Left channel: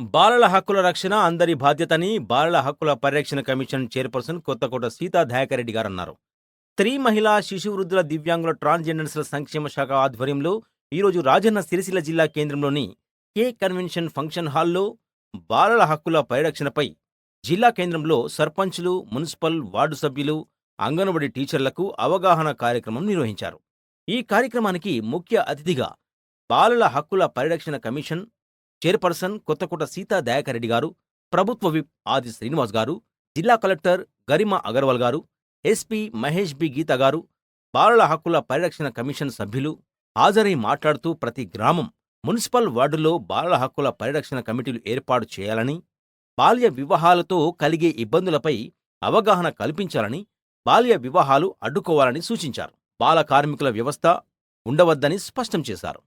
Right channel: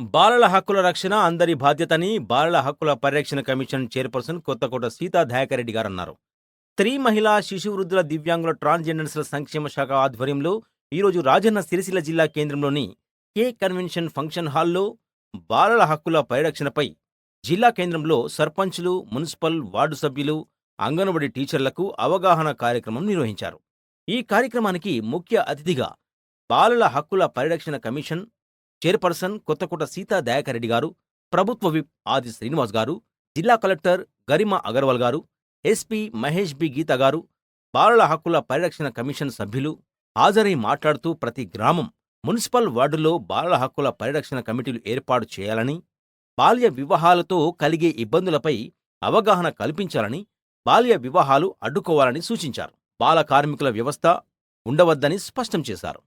బాలల హక్కుల రక్షణ అందరి బాధ్యతని బాలల హక్కుల పరిరక్షణ కమిషన్ చైర్పర్సన్ కొత్తకోట సీతా దయాకర్రెడ్డి గారన్నారు. స్త్రీ, మహిళా, శిశు వృద్ధుల, దివ్యాంగుల, ట్రాన్స్జెండర్స్ల సంక్షేమ శాఖ ఆధ్వర్యంలో ఈరోజు రాజన్న సిరిసిల్ల జిల్లా కేంద్రంలోని కే కన్వెన్షన్ ఫంక్షన్ హాల్లో బాలల హక్కుల పరిరక్షణపై జిల్లా కేంద్రంలో సర్పంచులు, మున్సిపల్, వార్డు సభ్యులు, అంగన్వాడీ టీచర్లకు అవగాహన కార్యక్రమం నిర్వహించారు. ఈ కార్యక్రమానికి ముఖ్య అతిథిగా బాలల హక్కుల పరిరక్షణ కమిషన్ చైర్పర్సన్ కొత్తకోట సీతా దయాకర్రెడ్డి గారు, ప్రభుత్వ విప్ ఆది శ్రీనివాస్ గారు, జిల్లా కలెక్టర్ గరిమా అగర్వాల్ గారు, ఎస్పీ మహేష్ బి గీత గారు, బాలల హక్కుల పరిరక్షణ కమిషన్ సభ్యులు హాజరై మాట్లాడుతూ ప్రతి గ్రామం, మున్సిపల్ వార్డుల్లో బాలల హక్కుల పరిరక్షణ కమిటీలు ఏర్పాటు చేయాలని, బాల్య వివాహాలతో కలిగే ఇబ్బందులపై అవగాహన కల్పించాలని, బాల్య వివాహాలు అడ్డుకోవాలని సూచించారు. బాల కార్మికుల వ్యవస్థ ఉండవద్దని స్పష్టం చేశారు.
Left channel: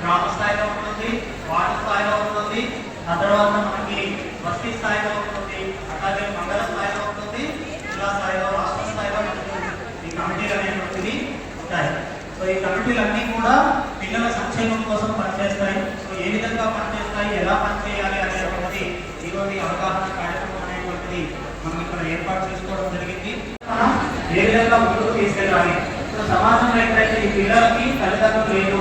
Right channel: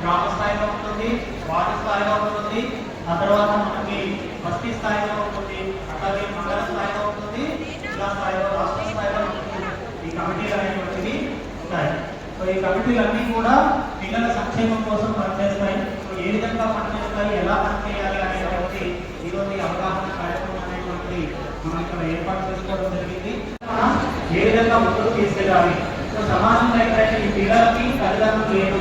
గ్రామ స్థాయిలో ఉంటుంది, వార్డు స్థాయిలో ఉంటుంది, ఆ తర్వాత మనకి బస్తీ స్థాయిలో ఉంటుంది, అలాగే మండల స్థాయిలో ఉంటుంది, జిల్లా స్థాయిలో, రాష్ట్ర స్థాయిలో ఉంటుంది. ఈ కమిటీలు అనేటువంటివి ఉంటాయి. సో ఈ కమిటీలన్నీ కూడా పిల్లల సంక్షేమం కోసం పనిచేస్తాయి. సో ఏ విధంగా పనిచేస్తాయి, ఎలా పనిచేయాలి అనేటువంటిది ఈరోజు అవగాహన కార్యక్రమం అనేటువంటిది మనం ఇక్కడ ఏర్పాటు చేసుకోవడం జరిగింది. మనం ఏ విధంగా ముందుకు తీసుకెళ్ళాలి. సో సమాజంలో ఎప్పుడైతే ఈ పిల్లలకి తల్లిదండ్రులు లేదు,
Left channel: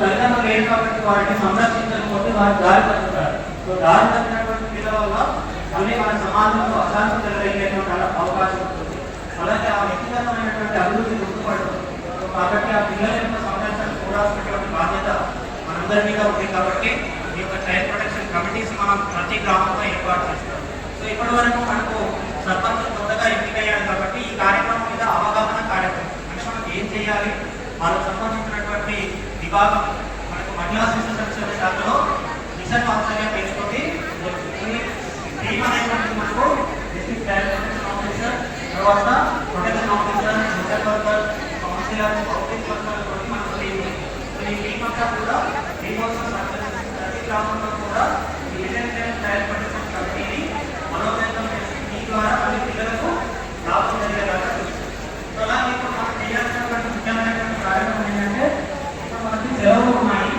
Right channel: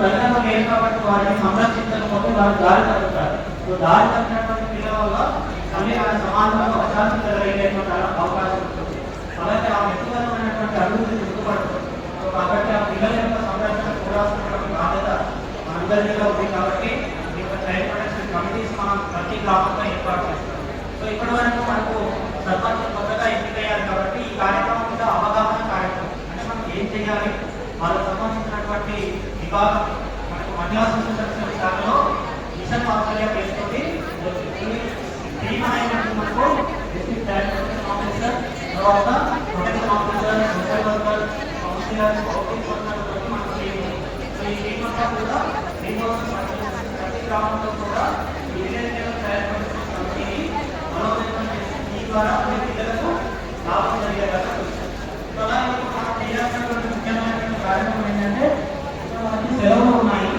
తల్లిదండ్రులు లేరు కాబట్టి వారిని సంరక్షించకపోతే వారు దారి తగ్గుతారు. సో దారి తగ్గినటువంటి పిల్లల వల్ల మళ్ళీ వారి సమాజంలో అశాంతి కలిగేటువంటి అవకాశం ఉంటుంది. అలాగే ఆ వ్యక్తిగతమైనటువంటి అభివృద్ధి గుర్తుపడుతుంది. కాబట్టి ఆ పిల్లల యొక్క సంరక్షణ చూడాల్సినటువంటి బాధ్యత మనందరి మీద ఉంది. కాబట్టి ఈ యొక్క చైల్డ్ ప్రొటెక్షన్ కమిటీస్ మనం ప్రతి గ్రామంలో ఏర్పాటు చేస్తాం. సో ఇప్పటి వరకు మనకు సర్పంచ్ కొత్తగా ఎన్నికయ్యారు కాబట్టి ఈ కార్యక్రమం మీద అవగాహన కార్యక్రమం అంటే మనం ఏం చేయాలి, వాళ్ళకు సంబంధించినటువంటి విభాగం మనకు మహిళా శిశు సంక్షేమ శాఖలో మిషన్ ఆధ్వర్యం వేస్తుంది. టీమ్ అనేటువంటి మనకు డిస్ట్రిక్ట్ చైల్డ్ ప్రొటెక్షన్ ఆఫీసర్, తర్వాత protection officer, social worker, counsellor, public worker తోటి మనకు టీమ్. సో ఈ టీమ్ అంతా కూడా దీనికోసం పనిచేస్తుంది. ప్రతి గ్రామంలో కూడా ఈ విలేజ్ లెవెల్ చైల్డ్ ప్రొటెక్షన్ కమిటీని బలోపేతం చేసి ఈ ద్వారా ప్రతి పిల్లలకు లాభం జరిగేలాగా చూస్తుంది. సో అలాగే ఇప్పుడు మనం చేయాల్సినటువంటి ముఖ్యమైనటువంటి కార్యక్రమం ఏంటంటే మనకి సెలవులు ఉన్నాయి.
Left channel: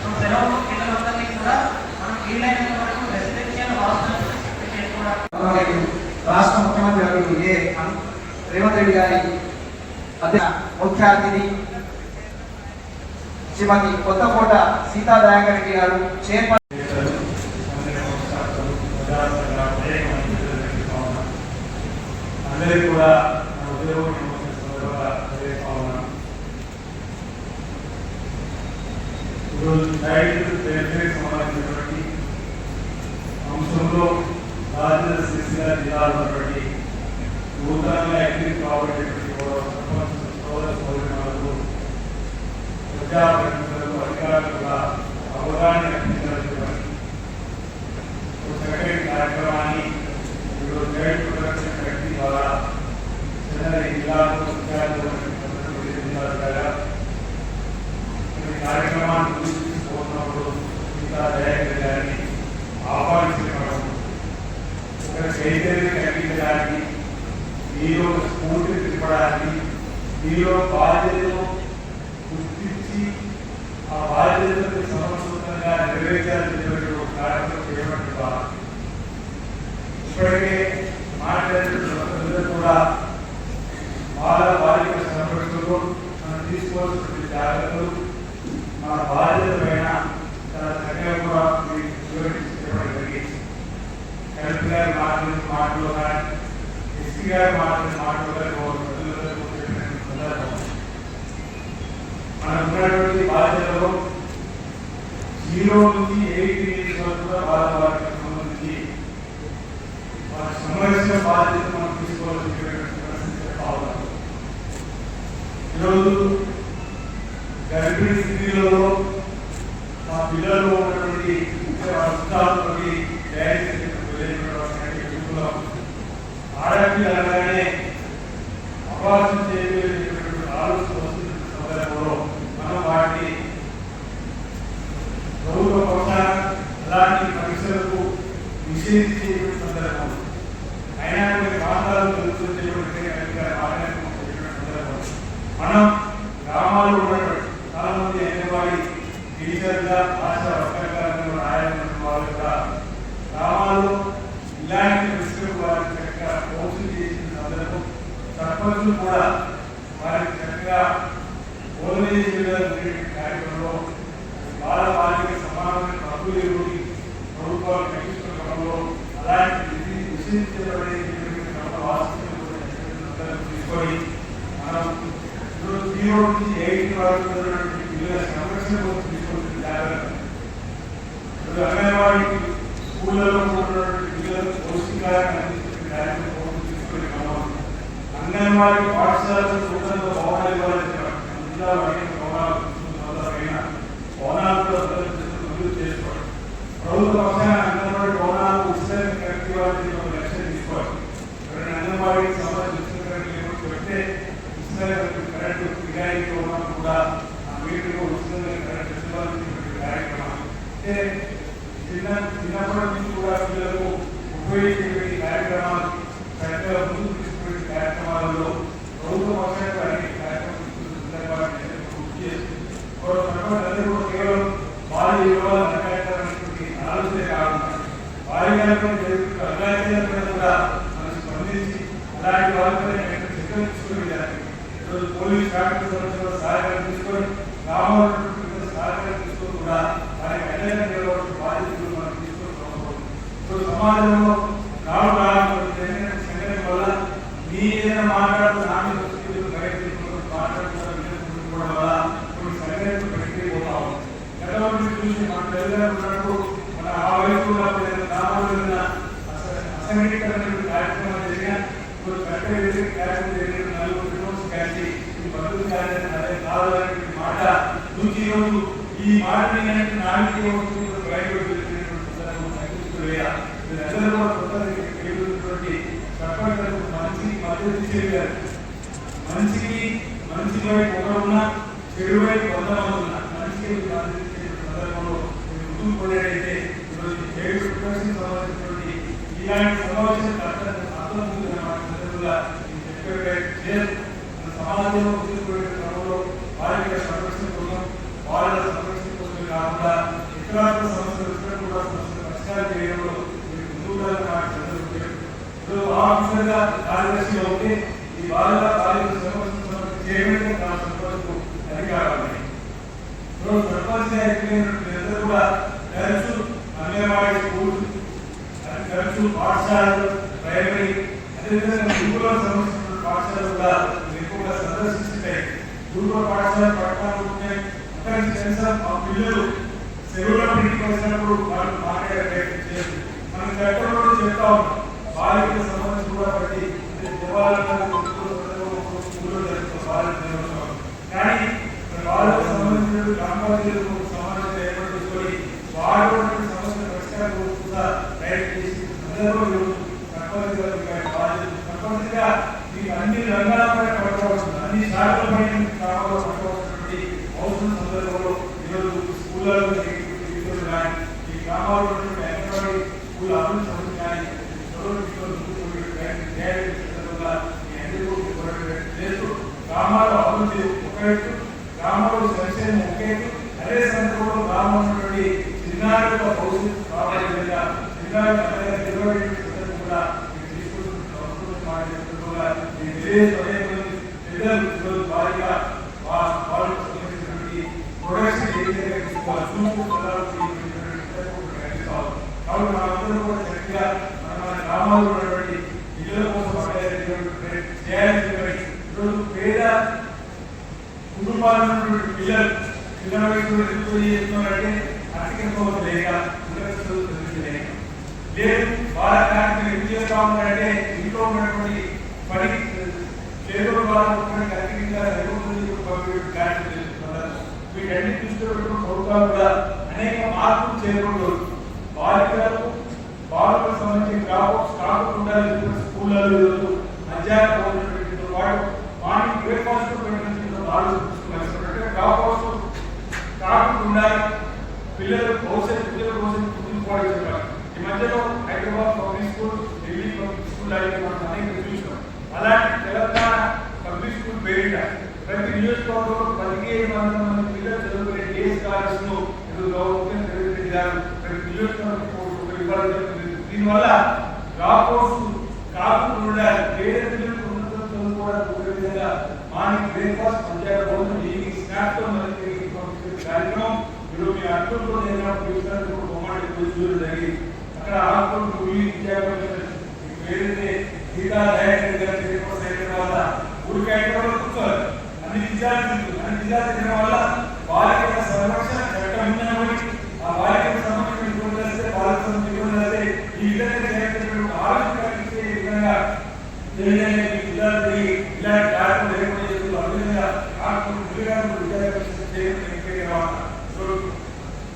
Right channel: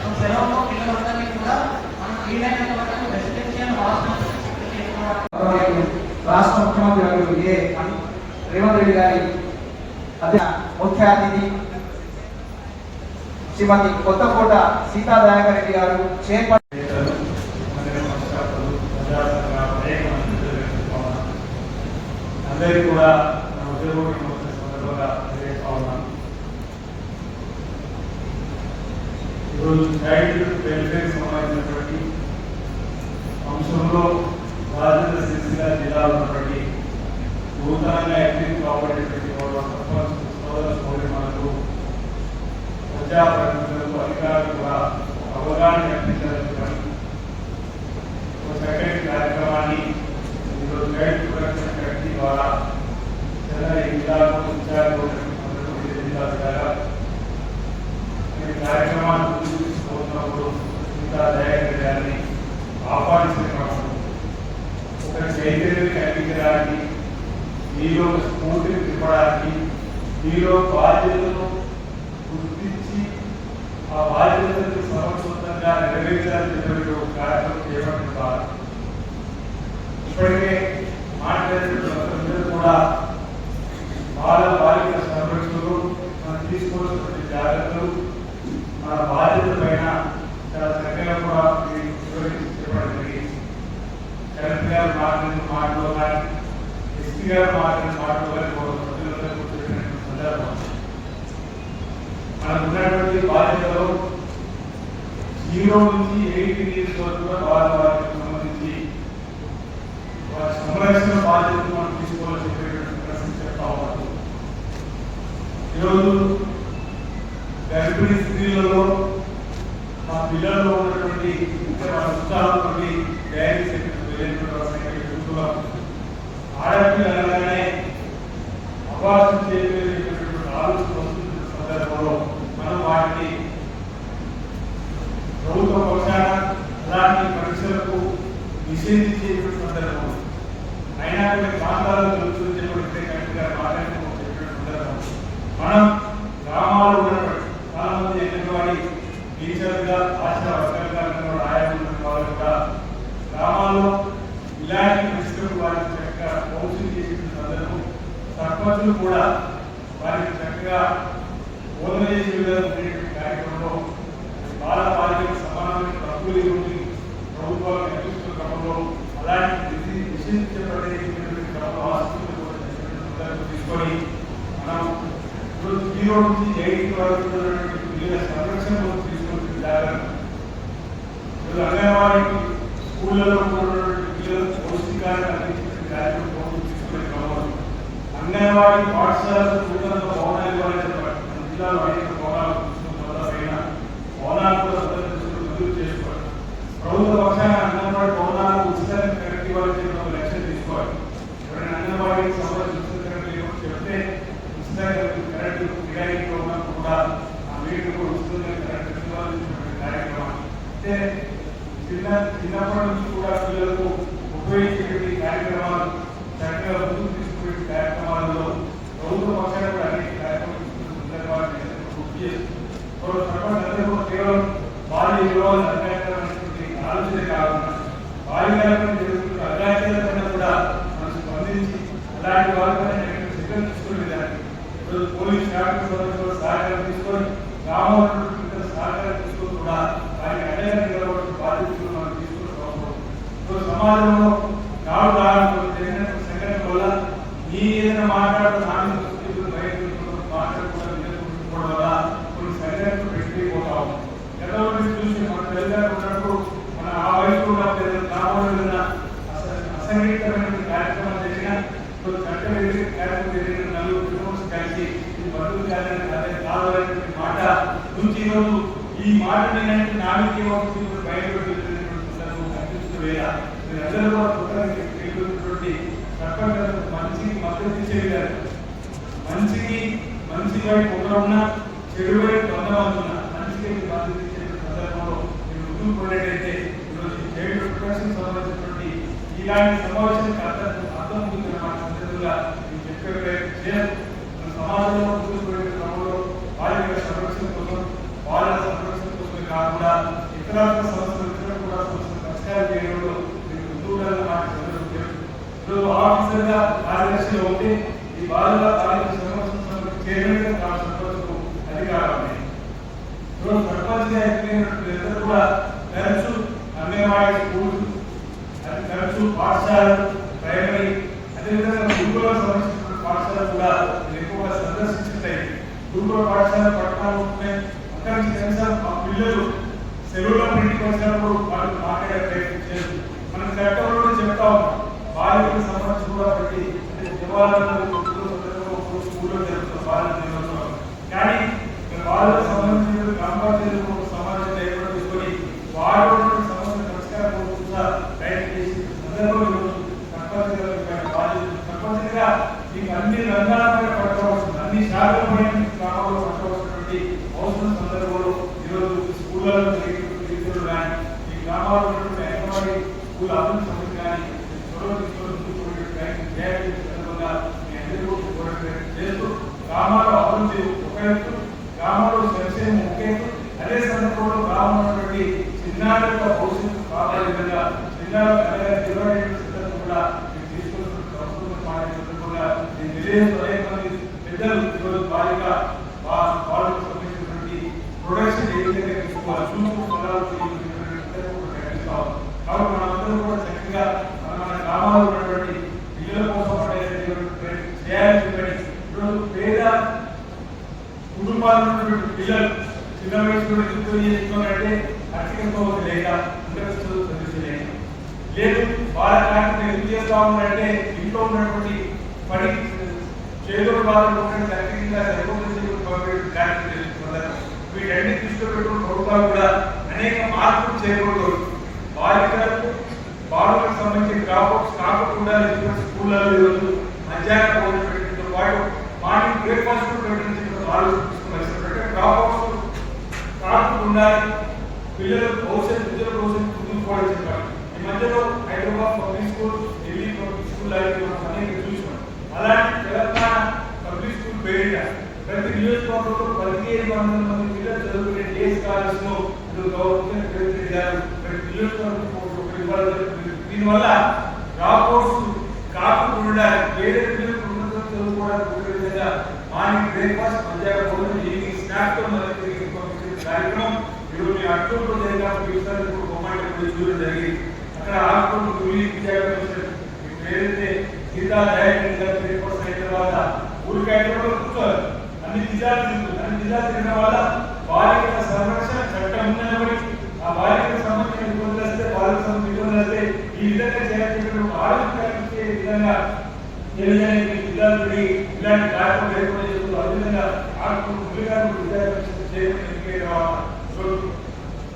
సో సెలవులో పిల్లలందరినీ కూడా మనం వీలైనంత వరకు రెసిడెన్షియల్ హాస్టల్స్ రాష్ట్ర ముఖ్యమంత్రి వర్యులు రేవంత్ రెడ్డి గారి ముఖ్య అతిథి శ్రీమతి కొత్తకోట సీతా దయాకర్రెడ్డి గారు చైర్పర్సన్. అందరికీ కూడా సంబంధించినటువంటి అంశంలో రాజన్న సిరిసిల్ల జిల్లాలో ఉన్నటువంటి నూతనంగా ఎన్నిక కాబట్టేటువంటి సోదర సోదరులకు ప్రజాప్రతినిధులకు అధికారులుగా అవగాహన కల్పించాలని చక్కటి కార్యక్రమాన్ని ఈరోజు గైడ్ ప్రొటెక్షన్ కమిటీ ద్వారా చెన్నై జిల్లాకు జిల్లా ద్వారా కార్యక్రమాన్ని చూసుకున్నప్పుడు సీతా దయాకర్రెడ్డి గారిని ఆహ్వానించడం, ఒక చైతన్యం కలిగించడానికి, మీలో ఒక స్ఫూర్తిని తిప్పడానికి, మీలో బాధ్యతను గుర్తించి ఆ బాధ్యతను సమర్థవంతంగా నెరవేర్చాలని ఒక కార్యక్రమం చేయడం ద్వారా ఇప్పటికే మాట్లాడుతున్న కూడా బాలికల సంరక్షణలో మనం తీసుకోవాల్సినటువంటి జాగ్రత్తలు, మన బాధ్యత పైన చాలా చక్కగా కూడా చెప్పడం జరిగింది. కలెక్టర్ గారు మాటలు కానీ, ఎస్పీ గారు మాటలు కానీ సందర్భం మనకు ఉన్నటువంటి బాధ్యతలో 0 నుంచి 8 ఇయర్స్ వరకు వారికి సంబంధించి వారి సంరక్షణ బాధ్యతను మనం తీసుకోవాల్సినటువంటి పరిస్థితి చెప్తా ఉన్నాం. ఈరోజు గర్భిణీ స్త్రీలలో మా పిల్లల్లో ఉన్నటువంటి అంశాలతోటి డైరీ వెళ్ళేటువంటి ఆడపిల్ల అనగానే అభాసం చేయగలిగేటువంటి ఆలోచన వస్తున్న సందర్భంలో మనం వాటిని ప్రభుత్వ పక్షాన అలాంటి పరీక్షలకు నిషేధించేటువంటి సందర్భం అయినా కొన్ని ప్రాంతాల్లో జరుగుతున్నటువంటి సందర్భం మనం గ్రామాల్లో ఉన్నటువంటి చాలా మంది అంగన్వాడీ టీచర్గా ఆశ ఇన్వెస్టిగేషన్ చేసిన సందర్భం సర్పంచులు కూడా వారికి చక్కగా బోధన చేసే కార్యక్రమంలో బాల బాలికలకు సమానమైన హక్కులు ఇవ్వండి ప్రభుత్వాలు కల్పిస్తున్న క్రమంలో అలాంటి నిషేధించబడేటువంటి క్రమంలో ఆసక్తి తీసుకొని మనం ఈ రోజు నుంచి 8 వరకు పిల్లల సంరక్షణ కోసం తీసుకుంటుంది జాగ్రత్త. అంగన్వాడీ స్కూళ్ళలో ఉన్నటువంటి పిల్లలకు పౌష్టికాలను అందించే కార్యక్రమం తీసుకునే క్రమంలో అంగన్వాడీ పాఠశాలలో నూతనంగా భవనాలు ఇవ్వాలని చెప్పారు. జిల్లాలో అనేక భవనాలు పైన భవనాలు కూడా మంజూరు చేసుకోవాలి. ప్రభుత్వ పక్షాన అంగన్వాడీ భవనాలు ఉచితంగా కరెక్ట్ ఇవ్వాలని ఒక లక్ష్యం తీసుకోవాలి. ఎవరైనా అంగన్వాడీకి సంబంధించిన కరెక్ట్ లేకపోతే చెప్తే ఉచితంగా కరెక్ట్ రియాయితీ ఉన్నప్పుడు కూడా ఆ వీటికి ఉచితంగా కరెక్ట్ ఇవ్వాలని కార్యక్రమం అంటే చిన్నప్పటి నుంచి కూడా పిల్లలకు ఉపయోగించే కార్యక్రమాలు చక్కగా ముందుకు తీసుకునే కార్యక్రమాలలో ప్రభుత్వ పక్షాలు కూడా అనేక కార్యక్రమాలు కేవలం భారీ విలువలు అధికారికమైనటువంటి ఆలోచన కావాలి. భారీకరమైన అధికారికమైన కూడా మనం స్పందించి అలాంటి వాళ్ళకైనా చర్యలు తీసుకునే దానికి ఈరోజు పోలీస్ శాఖకు సంబంధించిన సహకారం తీసుకొని గ్రామంలో సహకారం తీసుకొని కూడా వారికి అండగా నిలబడిన బాధ్యతలు మనం తీసుకుని సమాజంలో నాడు సంఘటన వల్ల మీ ఏదైనా మాట్లాడుతున్న మాట్లాడుకోవడం వల్ల కొన్ని సంఘటనలు పెట్టిపోతాం. గతంలో చూసి మన తల్లిదండ్రులు మన ఆ వయసు గ్రామంలో అసంఘటితమైన కార్యక్రమాలు జరిగిన చట్టం కార్యక్రమం జరిగిన నలుగురు కలిసి మద్దతు కావాలనే మాట నుంచి ఈరోజు ఈ మాటని నాలుగు మీరందరూ కూడా కొత్తటువంటి సర్పంచులకు మంచికి మద్దతు ఇచ్చేది. మంచికి మంచి వైపు ఒకరున్నా చెడు వైపు 100 మంది ఉన్నా మంచికి మద్దతు ఇచ్చే సందర్భంలో మీరు ముందుకు పోయినట్టయితే ఈరోజు జైలు ప్రొటెక్షన్ సంబంధించినటువంటి ఇలాంటి సమావేశం అర్థం ఉందన్నమాట. సందర్భంగా నేను చెప్పే ప్రయత్నం చేయదు. మన సమాజంలో ముందుకు క్రమంలో బాలికల సంరక్షణ కోసం బాలల సంరక్షణ కోసమే కాకుండా ఇతరాత్మ సమస్యలు కూడా పరిష్కారం చేయడంలో మీరు ముందుకు ఈరోజు ఆఫీసర్గా కార్యదర్శిగా ఉంటే ఈ బాలల బాలికల సంరక్షణ చేయడానికి నా సర్పంచ్కు అధికారాలు ఉన్నాయి. ఈరోజు సర్పంచ్గా ఎన్నికైనప్పుడు కూడా తరచు అంగన్వాడీ స్కూల్ తరచు పాఠశాలలు ప్రైమరీ అదేవిధంగా గురుకుల సంబంధించిన పాఠశాలలు కూడా ఎక్కువగా సందర్శించుంటాయి. గురుకుల పాఠశాల పట్టణాలు ఉంటున్నాయి. అక్కడి నుంచి కనీసం ఆ పిల్లలు సెలవుల ఇంటికి వచ్చినప్పుడు వాళ్ళు మాట్లాడే ప్రయత్నం చేసి మనం చట్టంలో చెప్తా ఉన్నాం. బాలికలకు సంబంధించి కూడా బట్టి దేవాలయాలు స్కూల్లో జరుగుతున్న బాలల దినోత్సవం కానీ బాలకు సంబంధించిన గ్రామ పంచాయతీలకు సమాచారం ఏర్పాటు చేసుకొని వారు సమస్యల పరిష్కారం కూడా ప్రయత్నం చేసి సందర్భంలో సర్పంచ్గా మీకు అన్ని రంగాలపై పట్టుకోవాల్సింది అన్ని శాఖలపై గ్రామంలో పట్టుకోవాల్సినటువంటి అవసరం సందర్భంలో ఈరోజు స్కూళ్ళలో విద్యులు కానీ ఈ గ్రామాల్లో అంగన్వాడీ స్కూల్ అభివృద్ధి సమస్య కానీ సందర్భంగా మీ అందరూ చేస్తూ గ్రామాల అభివృద్ధి ఒక ఎత్తు గ్రామంలో సంక్షేమం ఒక ఎత్తు అదే సందర్భంలో గ్రామంలో ఉన్నటువంటి చిన్నారుల భవిష్యత్తు కాపాడే విధంగా చిన్నారుల కూడా మీరు తీసుకుంటున్న సందర్భంగా నేను తెలియజేస్తూ పెద్దలు ఈరోజు వారిగా వాళ్ళకు సంబంధించినటువంటి ప్రొడక్షన్ ఏ విధంగా తీసుకోవాలి చూసుకుంటున్నారు కాబట్టి మనందరూ కూడా చక్కగా మన గ్రామాల్లో ఉన్నటువంటి పిల్లల కోసం చేయాలని చెప్పని ఈరోజు పేద కుటుంబాలు ఉన్నటువంటి పిల్లలు చిన్న వయసులో ఎందుకు చేస్తున్నారంటే ఆర్థిక స్తోమత లేక లేక లేదు వాళ్ళ కార్యక్రమం ఎందుకు చేస్తా ఉన్నారంటే ఇంట్లో ఉన్నటువంటి పని చేతుల బాధలు ఖచ్చితంగా సరిపోతుంది కార్యక్రమం చేస్తున్నారు. వీటన్ని దృష్టిలో పెట్టుకున్న ప్రభుత్వాలు కూడా అనేక మార్పులు చేయకూడదు. బాలికలకు బాలులకు సంబంధించిన డ్రాప్అవుట్స్ కాకుండా స్కూళ్ళలో ఈరోజు మధ్యాహ్న భోజనం పెట్టడంతో పాటు మార్నింగ్ బ్రేక్ఫాస్ట్ పెట్టడం ఆలోచిస్తున్నారు. డ్రాప్అవుట్స్ కాకుండా ఉండాలి. పిల్లల భవిష్యత్తు కుదిరిపోవడం చెప్పాలి. ఈ మధ్యలో Hyderabad public school Delhi public school అయితే మనం అనేక చూసాం. అలాంటి తెలంగాణ పబ్లిక్ స్కూల్ పేరిట ప్రతి నియోజకవర్గంలో 1500 మంది పిల్లలు చదువుకునే డేస్ కాలేజ్లో గవర్నమెంట్ గారు ప్రతి నియోజకవర్గం ఇవ్వడం జరుగుతుంది. దీనివల్ల డ్రాప్అవుట్స్ రాకుండా ఉండాలి. పేద పిల్లలకు ఉన్నత చదువుకోవడానికి ఉండే విధంగా మార్నింగ్ బ్రేక్ఫాస్ట్, మధ్యాహ్నం భోజనం, ఈవినింగ్ స్నాక్స్ తో మనకి పంపించే కార్యక్రమం ఈరోజు మీ అక్టోబర్లో జరిగిన బొమ్మంటే చూడడం జరిగింది. అక్కడ ఆకులు కూలీ ఏదైతే గీతా దయాకరెడ్డి గారు బ్రేక్ఫాస్ట్ అయిన తర్వాత ఊరికి అయిన కూర్చోవాలి. అన్ని జిల్లాలు తినడం వల్ల బాలికల సంరక్షణ చట్టం ఉందని ఒకటి, ఆ బాలికలకు సంబంధించిన నిపుణులు వస్తే బాలిక నిపుణులు వస్తే ఈ విధంగా చేయాల్సినటువంటి ఆరోగ్యం కలిగించే విధంగా జిల్లాలు తిరిగి ఇలాంటి కార్యక్రమం లేకుండా చేస్తూ ఆ విధంగా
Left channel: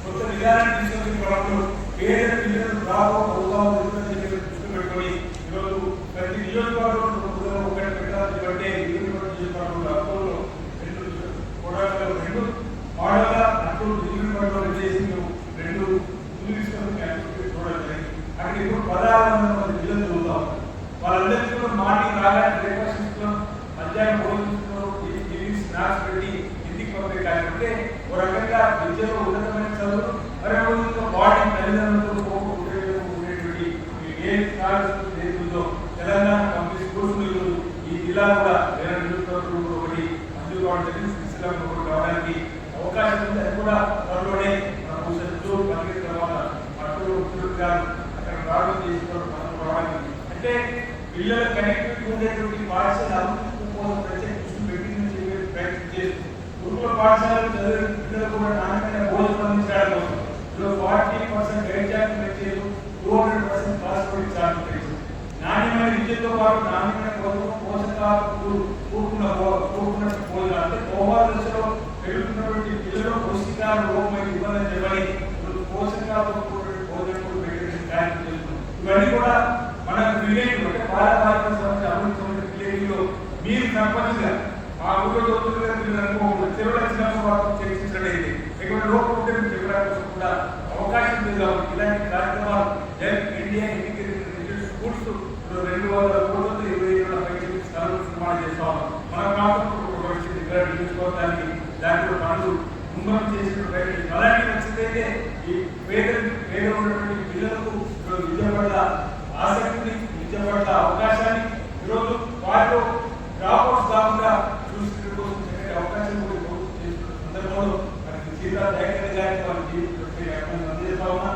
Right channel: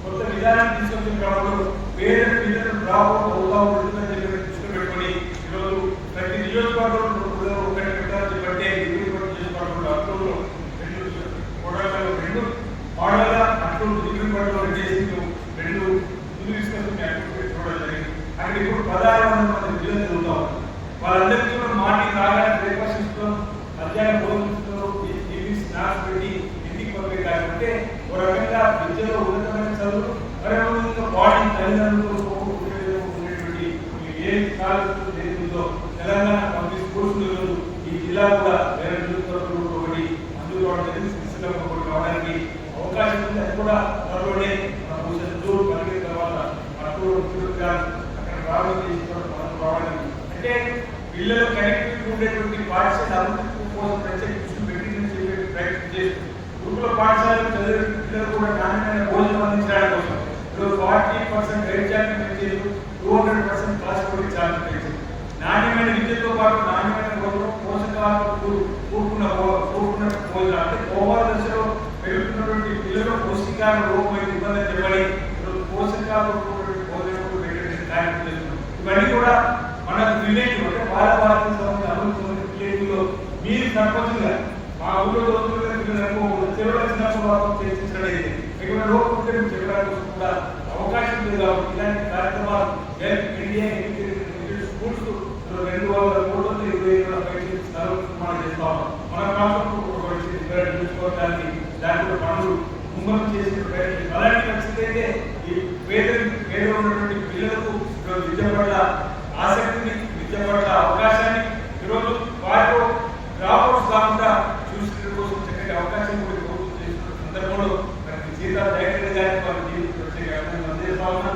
కొత్త విధానాన్ని తీసుకొచ్చిన క్రమంలో పేద పిల్లలు డ్రాప్ అవుట్ అవుతా ఉంటుందని చెప్పి దృష్టి పెట్టుకొని ఈరోజు ప్రతి నియోజకవర్గంలో ఒకటి పెట్టాలని చెప్పంటే నియోజకవర్గంలో అక్టోబర్లో రెండు మోడల్ అక్టోబర్ నియోజకవర్గంలో చేసి రెండు ముందు తీసుకొని అక్టోబర్ చూడడం జరిగింది. అక్కడ ఇప్పుడు 1600 మంది పిల్లలు చదువుతాం. వాళ్ళందరికీ కూడా మార్నింగ్ రాగానే బ్రేక్ఫాస్ట్ ఇస్తున్నాం, మధ్యాహ్నం భోజనం ఇస్తున్నారు, ఈవినింగ్ స్నాక్స్ పెట్టి ఇంటికి పంపే కార్యక్రమం. ఓ రకంగా విద్యలో ఉన్నతమైన చదువు మరి ఇంకా బాడీ తల్లిదండ్రులతో ఉండేటువంటి ఏ కాలేజీలో తెలంగాణ పబ్లిక్ స్కూల్స్ ఈ జిల్లా కూడా వేరే నియోజకవర్గంలో ఒకటి మంజూరు కావడం జరిగింది. సిరిసిల్లలో ఒకటి రావడానికి అవకాశం ఉంది. అది కూడా త్వరలోనే మన జూన్ 15 తర్వాత ముఖ్యమంత్రి గారు అక్కడ రావడం చేసుకోవడం మనం రావడానికి అంటే పిల్లల కనెక్టివిటీ ఉండేటువంటి పాఠశాల అభివృద్ధి కోసం ప్రత్యేక దృష్టి పెట్టిందని చెప్పి ప్రయత్నం చేస్తుంది. గురుకుల పాఠశాలలో చదివే పిల్లలు కూడా నాణ్యమైన భోజనం అందించడానికి కోసం 40% గైడ్ ఛార్జ్ పెంచారు, 200% క్లాస్ కూడా ఛార్జ్ పెంచారు. నాణ్యమైన విద్యతో పాటు నాణ్యమైన పోషకాలతో కూడుకున్న భోజనం అంటే ఓవర్ దశలో పెరుగుతున్నటువంటి పిల్లలు పౌష్టికాల లోపం ఇబ్బంది చెప్పని పోషకాలతో కూడినటువంటి భోజనం పెట్టే కార్యక్రమం చేస్తున్నారు. ఇవన్నీ కూడా మనకు రిలేటివ్ అంటే భారత అభివృద్ధి రిలేటివ్లో మీరు సర్పంచ్గా మా ఊళ్ళో చదువుతున్న పిల్లలకు చెరువుల చిన్నప్పుడు వాళ్ళతో చర్చించడం ఎటువంటి లోపం ఉంటే మీరు చెప్పడానికి కోసం కూడా అవకాశం లేదు. కాబట్టి ఇలాంటి కార్యక్రమాలు ఇండియా స్కూల్స్ 200 కోట్లతో 25 స్థలం నిర్మాణం చేస్తా ఉన్నాం. మన ప్రాంతంలో నియోజకవర్గానికి దాంట్లో పనులు ముందు చేసిన ప్రయత్నం అలాంటి నచ్చితే ఈ పేద ఉన్నటువంటి పిల్లలకు విద్య పట్ల ఆసక్తిని, విద్య పట్ల అవకాశాన్ని ఈరోజు వారిలో డ్రాప్అవుట్స్ కాకుండా చూసిన కోసం చక్కటి అవకాశం కూడా ప్రభుత్వం చేస్తున్న సందర్భంలో మనకి సీతా దయాకరెడ్డి గారికి వారికి ప్రత్యేక అందజేస్తా ఉన్నా.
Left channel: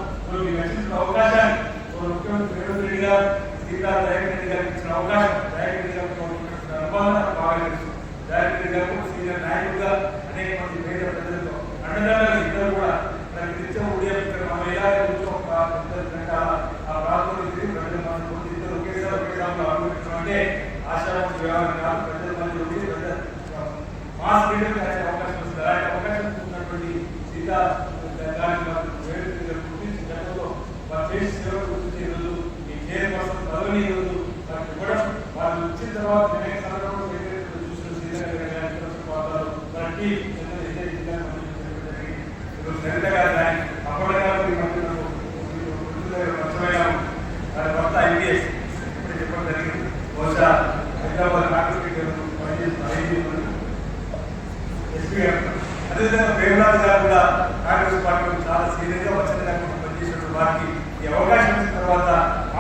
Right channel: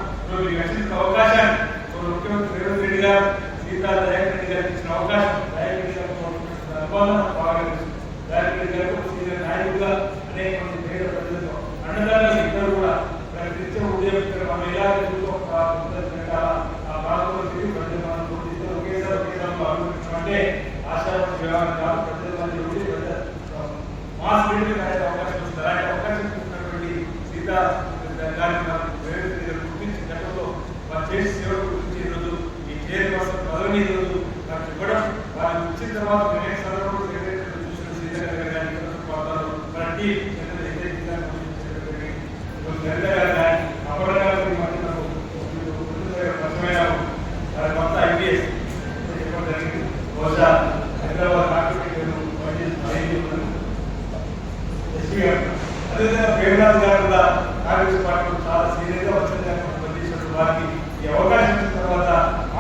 ఈ వచ్చిన అవకాశాన్ని ముఖ్యమంత్రి రేవంత్ రెడ్డి గారు సీతా దయాకరెడ్డి గారికి ఇచ్చిన అవకాశం దయాకరెడ్డి గారితో అనుబంధం బాగా తెలుసు. దయాకరెడ్డి గారు సీనియర్ నాయకుడుగా అనేక మంది పేద ప్రజలతో అండదండలు ఇద్దరు కూడా నిత్యం ఉదయం ఇక్కడ మహిళా గంటల ఆ ప్రాంతంలో తిరిగి ప్రజల మంది ఇద్దరు ఒకేసారి అంటే ఆశావాసి వ్యవహారం కాదు, ప్రజల మంది ఉండి మాస్ లీడర్లు అనే అవకాశం వస్తుంది. అలాంటి అవకాశం ఉన్నటువంటి సీతా గారిని గుర్తించి గతంలో వారు చేసి సేవలు గురించి ఈరోజు ఈ చైర్పర్సన్ పదవిని ఈరోజు వారికి ఇవ్వడం, వారు ఇచ్చిన తర్వాత అనేక సందర్భంలో చూసిన సీత గారు కానీ ప్రాంతాలు మన టీం లలిత గారు కానీ అప్పటికాలం పరిచయం వారి భర్త ఐపీఎస్ ఇప్పుడు చెప్పడం జరిగింది. బహుశా హైదరాబాద్ ఎస్పీ గారు అదేవిధంగా ప్రేమనాథ్ గారు కూడా కాంగ్రెస్ పార్టీలో చాలా సీనియర్గా వచ్చిన దాకా పనిచేసినట్టు వారికి ఈ అవకాశం ఇచ్చిన తర్వాత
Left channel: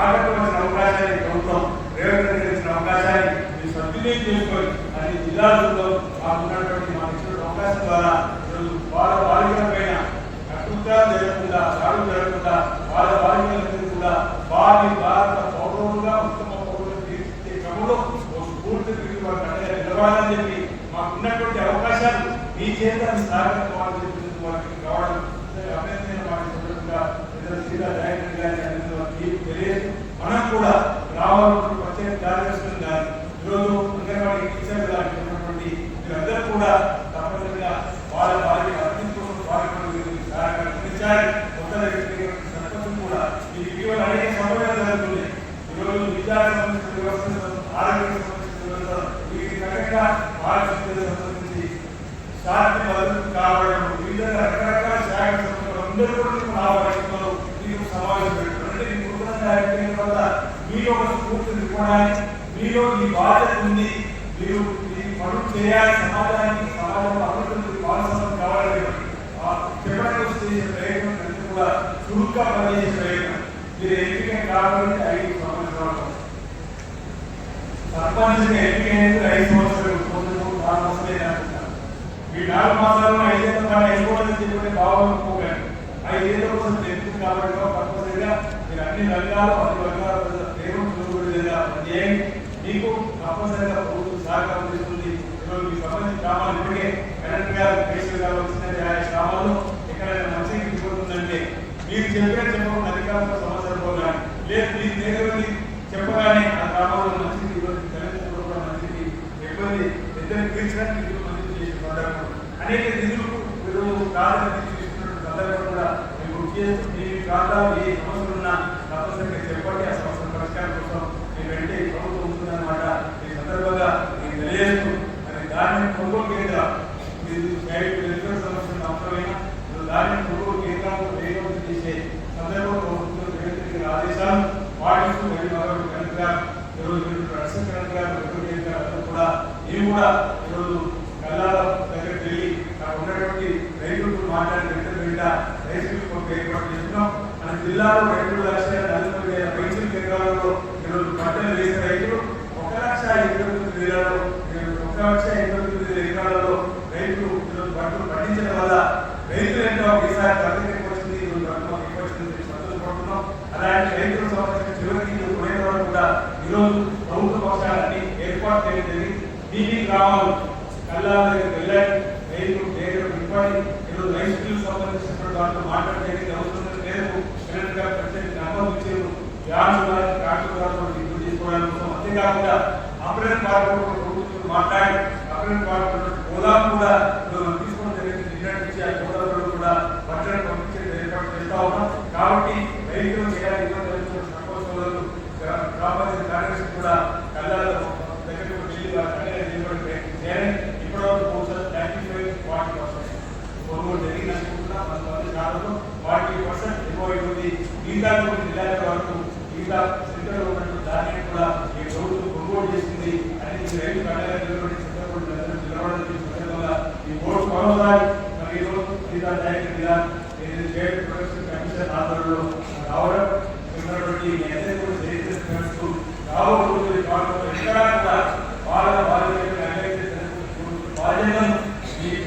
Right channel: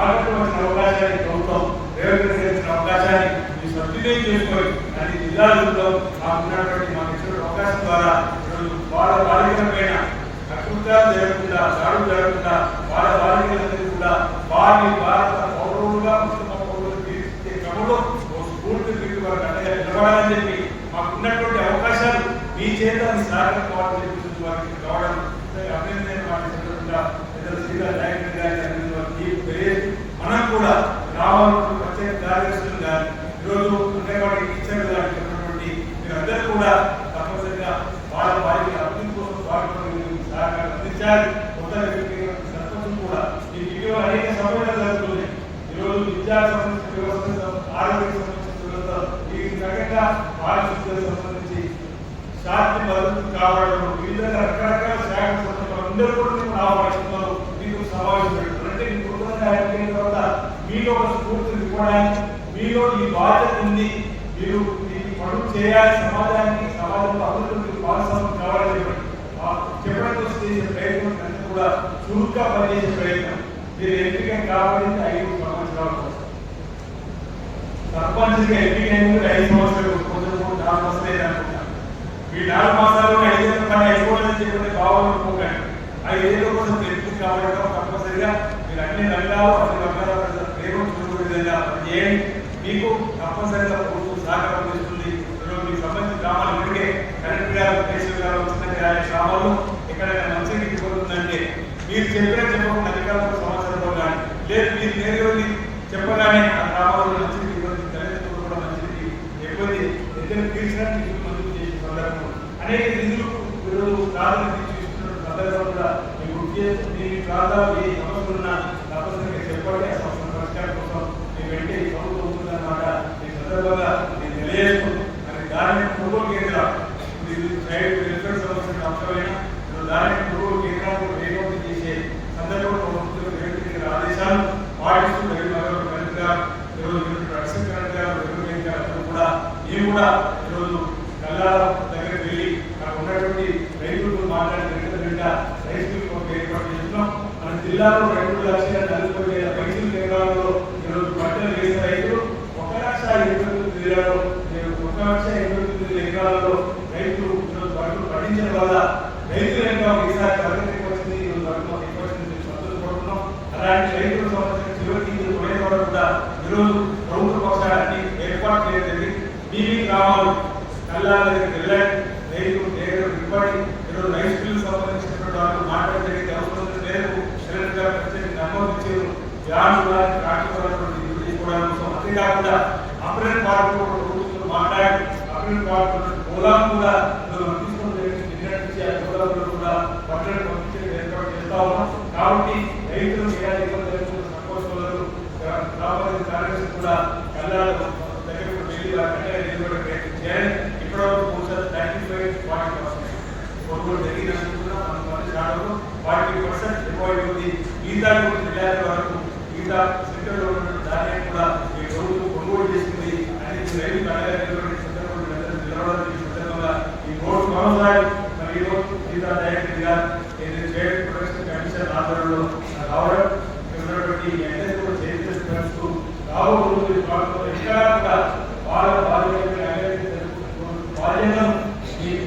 ఆగట్టు వచ్చిన అవకాశాన్ని ప్రభుత్వం రేవంత్ రెడ్డి ఇచ్చిన అవకాశాన్ని మీరు సద్వినియోగం చేసుకొని అన్ని జిల్లాలలో ఉన్నటువంటి మాకు ఇచ్చిన అవకాశం ద్వారా వాళ్ళ బాలికల పైన అకృత్యాలు జరగకుండా, దాడులు జరగకుండా వాళ్ళ బాలికలందరికీ కూడా వారి భారత పౌరులుగా ఉత్తమ పౌరులు తీర్చిదే క్రమంలో స్ఫూర్తి పెట్టి వారికి అండగా నిలబడాలని చెప్పి మాకున్నటువంటి అవకాశాలు మీ చేత మీ సాగరికవాలని చెప్పి వారికి రావడం అభినందన సందర్భంగా సీతా దయాకరెడ్డి గారి తెలియదు. మనం కూడా గ్రామాల్లో ప్రత్యేక కార్యదర్శులు కానీ ఈరోజు అంగన్వాడీ టీచర్లు కానీ ఉన్నటువంటి మీరందరూ కూడా తప్పనిసరిగా వాళ్ళ వారికి అభివృద్ధి కోసం వారికి సహకారం అందించాలి. కొత్త సర్పంచ్ కూడా ఈ ఇటీవల అనేక సమస్యలు జరుగుతుంది. ఈరోజు విద్యా సంబంధించిన వ్యవస్థ, ఆరోగ్య సంబంధించిన వ్యవస్థ, వీటికి తగ్గగా ఆరోగ్య సంబంధించి శాంతి భద్రత కావడం వివిధ రకరకాల శాఖ సంస్థలు అందరూ కూడా ఆహ్వానిస్తున్నారు. మీకు సమావేశం పెడుతున్నారు. అంటే మీ నూతనంగా అయిపోయిన తర్వాత మీరు ఒక స్ఫూర్తిని ఇవ్వడానికి మీలో ఈ బాధ్యత ఉంది. మీరు ఈ పనులు చేయాలి, సమాజంలో అభివృద్ధి భాగస్వామ్యం కావాలని చెప్పడానికి చేసే ప్రయత్నం అన్ని కూడా చురుగ్గా పనిచేసే ప్రయత్నం. మీరు ఎంపిక కావాలంటే 5 సంవత్సరాలు తప్పనిసరిగా ఎన్నికైంది 5 సంవత్సరాలు కొంచెం 4 మాసాలు అయితే అనుకుంటాను. ఈ 4 మాసాల్లో 5 ఏళ్ళ పని అయిపోలేదని చెప్పి బాగుంటుంది. 5 ఏళ్ళ కోసం తెలుస్తుంది కాబట్టి తప్పనిసరిగా మీరు అన్ని రంగాల్లో ప్రజల ప్రేమను చూసే విధంగా చేయండి. మీకు తప్పనిసరిగా ప్రభుత్వం సహకారం చేస్తుంది. మీకు సంబంధించిన గ్రామాలు ఇప్పటికే కలెక్టర్ గారు కేశవ్ గారు వచ్చిన గ్రామాల్లో ఎక్కడైనా మంచి ఇబ్బంది మీరు చెప్పకుండా అధికారులకు సమాచారం కానీ లేదు మీరు నేరుగా చెప్పగానే ఆ గ్రామాల్లో మంచిది ఇబ్బంది తల్లిదండ్రులు కూడా మంచిది ఇబ్బంది ఇద్దరు తీర్చినట్టు నిధులు మంజూరు చేసే సందర్భం అనేక నిధులకు మీరు ప్రాధాన్యత చూస్తున్న సందర్భం కూడా మేము చేస్తూ మీ ప్రాంతాల్లో ఏ సమస్యలు ఉన్నా తప్పనిసరిగా చెప్పండి. ఆ సమస్య పరిష్కారం కోసం మీ వెంటే ప్రభుత్వం ఉంటుందన్నమాట. ఈ సందర్భంగా మీకు తెలియజేస్తూ మరి దాని కొనుగోలు కేంద్రం ప్రైవేట్ వెల్ఫేర్ సమస్యను అవసరమైన దాని కొనుగోలు కేంద్రాలను వేగవంతం చేసే సందర్భంలో ప్రభుత్వం ప్రైవేట్ ఆదేశాలు పాటిస్తూ మేము కూడా ఈరోజు కల్లాల దగ్గరికి వెళ్ళి అక్కడ ఉన్నటువంటి రైతులతో మాట్లాడి రైస్ మిల్ కొరకు ఏర్పాటు చేస్తున్నాం. మన జిల్లాలో 2,40,000 పెన్షన్ కేంద్రాలలో ఈరోజు పంటలు వేసే రైతులు 1,89,000 1,89,000 ఎకరాలలో రైతులు ఈరోజు పంటలు పండించడం వల్ల రైతులు ఎంతో ఈసారి ప్రగతి వచ్చింది, ఈరోజు ఎక్కువ వచ్చింది సంతోషపడుతున్నాం. అలాంటి రైతుల సంవత్సరం చివరికి కొనే వరకు కూడా ఈరోజు ప్రభుత్వ పక్షాన్ని ఏర్పాటు చేయడం జరిగింది. బీబీ గ్రామాలు కల్లాల దగ్గరికి వెళ్ళండి, రైతులు ఇవ్వండి. ఈరోజు రైస్ మిల్లు సంబంధించినటువంటి వాళ్ళు మాట్లాడడం జరిగింది. అవసరం మేరకు కలెక్టర్ గారు ప్రత్యేక నంబర్ ఇచ్చారు. చేసుకోవడానికి కోసం అంతేకాకుండా అప్రెంట్ పార్టీ ప్రభుత్వం మాట్లాడి అప్రెంట్ పార్టీ గోదాం కూడా తీసుకోవడం జరిగింది. నిన్నటి ఆ గోదావరిలో కూడా బట్టలు పంపించే ఏర్పాటు చేస్తా ఉన్నాం. కాబట్టి రైతులకు ఎలాంటి ఇబ్బందులు సంకోచాలు గ్రామ పంచాయతీ కార్యదర్శి కూడా కల్లాల దగ్గర వెళ్ళి వారి పండుగ నిలబడే ప్రయత్నం చేయాలి. ఇప్పటివరకు బహుశా 35-40% కొనుగోలు జరిగినట్టున్నా మన పని శాఖలో 40% ఇవ్వబడింది. మిగతా జిల్లాల వరకు మిగతా సెంటర్లో ఉన్నటువంటి ధాన్యాన్ని కూడా ఈ ప్రభుత్వం కొనుగోలు చేసింది. అని రైతు పండుగ నిలబడే సందర్భంగా నిలబడాల్సిన సందర్భంగా ఈ బోర్డు మరోసారి మరి ఈరోజు మిగతా డైరెక్టర్గా స్టేట్ ప్రొడక్షన్ కమిషన్ ఆధ్వర్యంలో రావడం ఉన్నటువంటి అందరినీ కూడా చరిత్రస్తూ రాబోతుంది. ఎక్కడా కూడా వాళ్ళ బాధ్యతను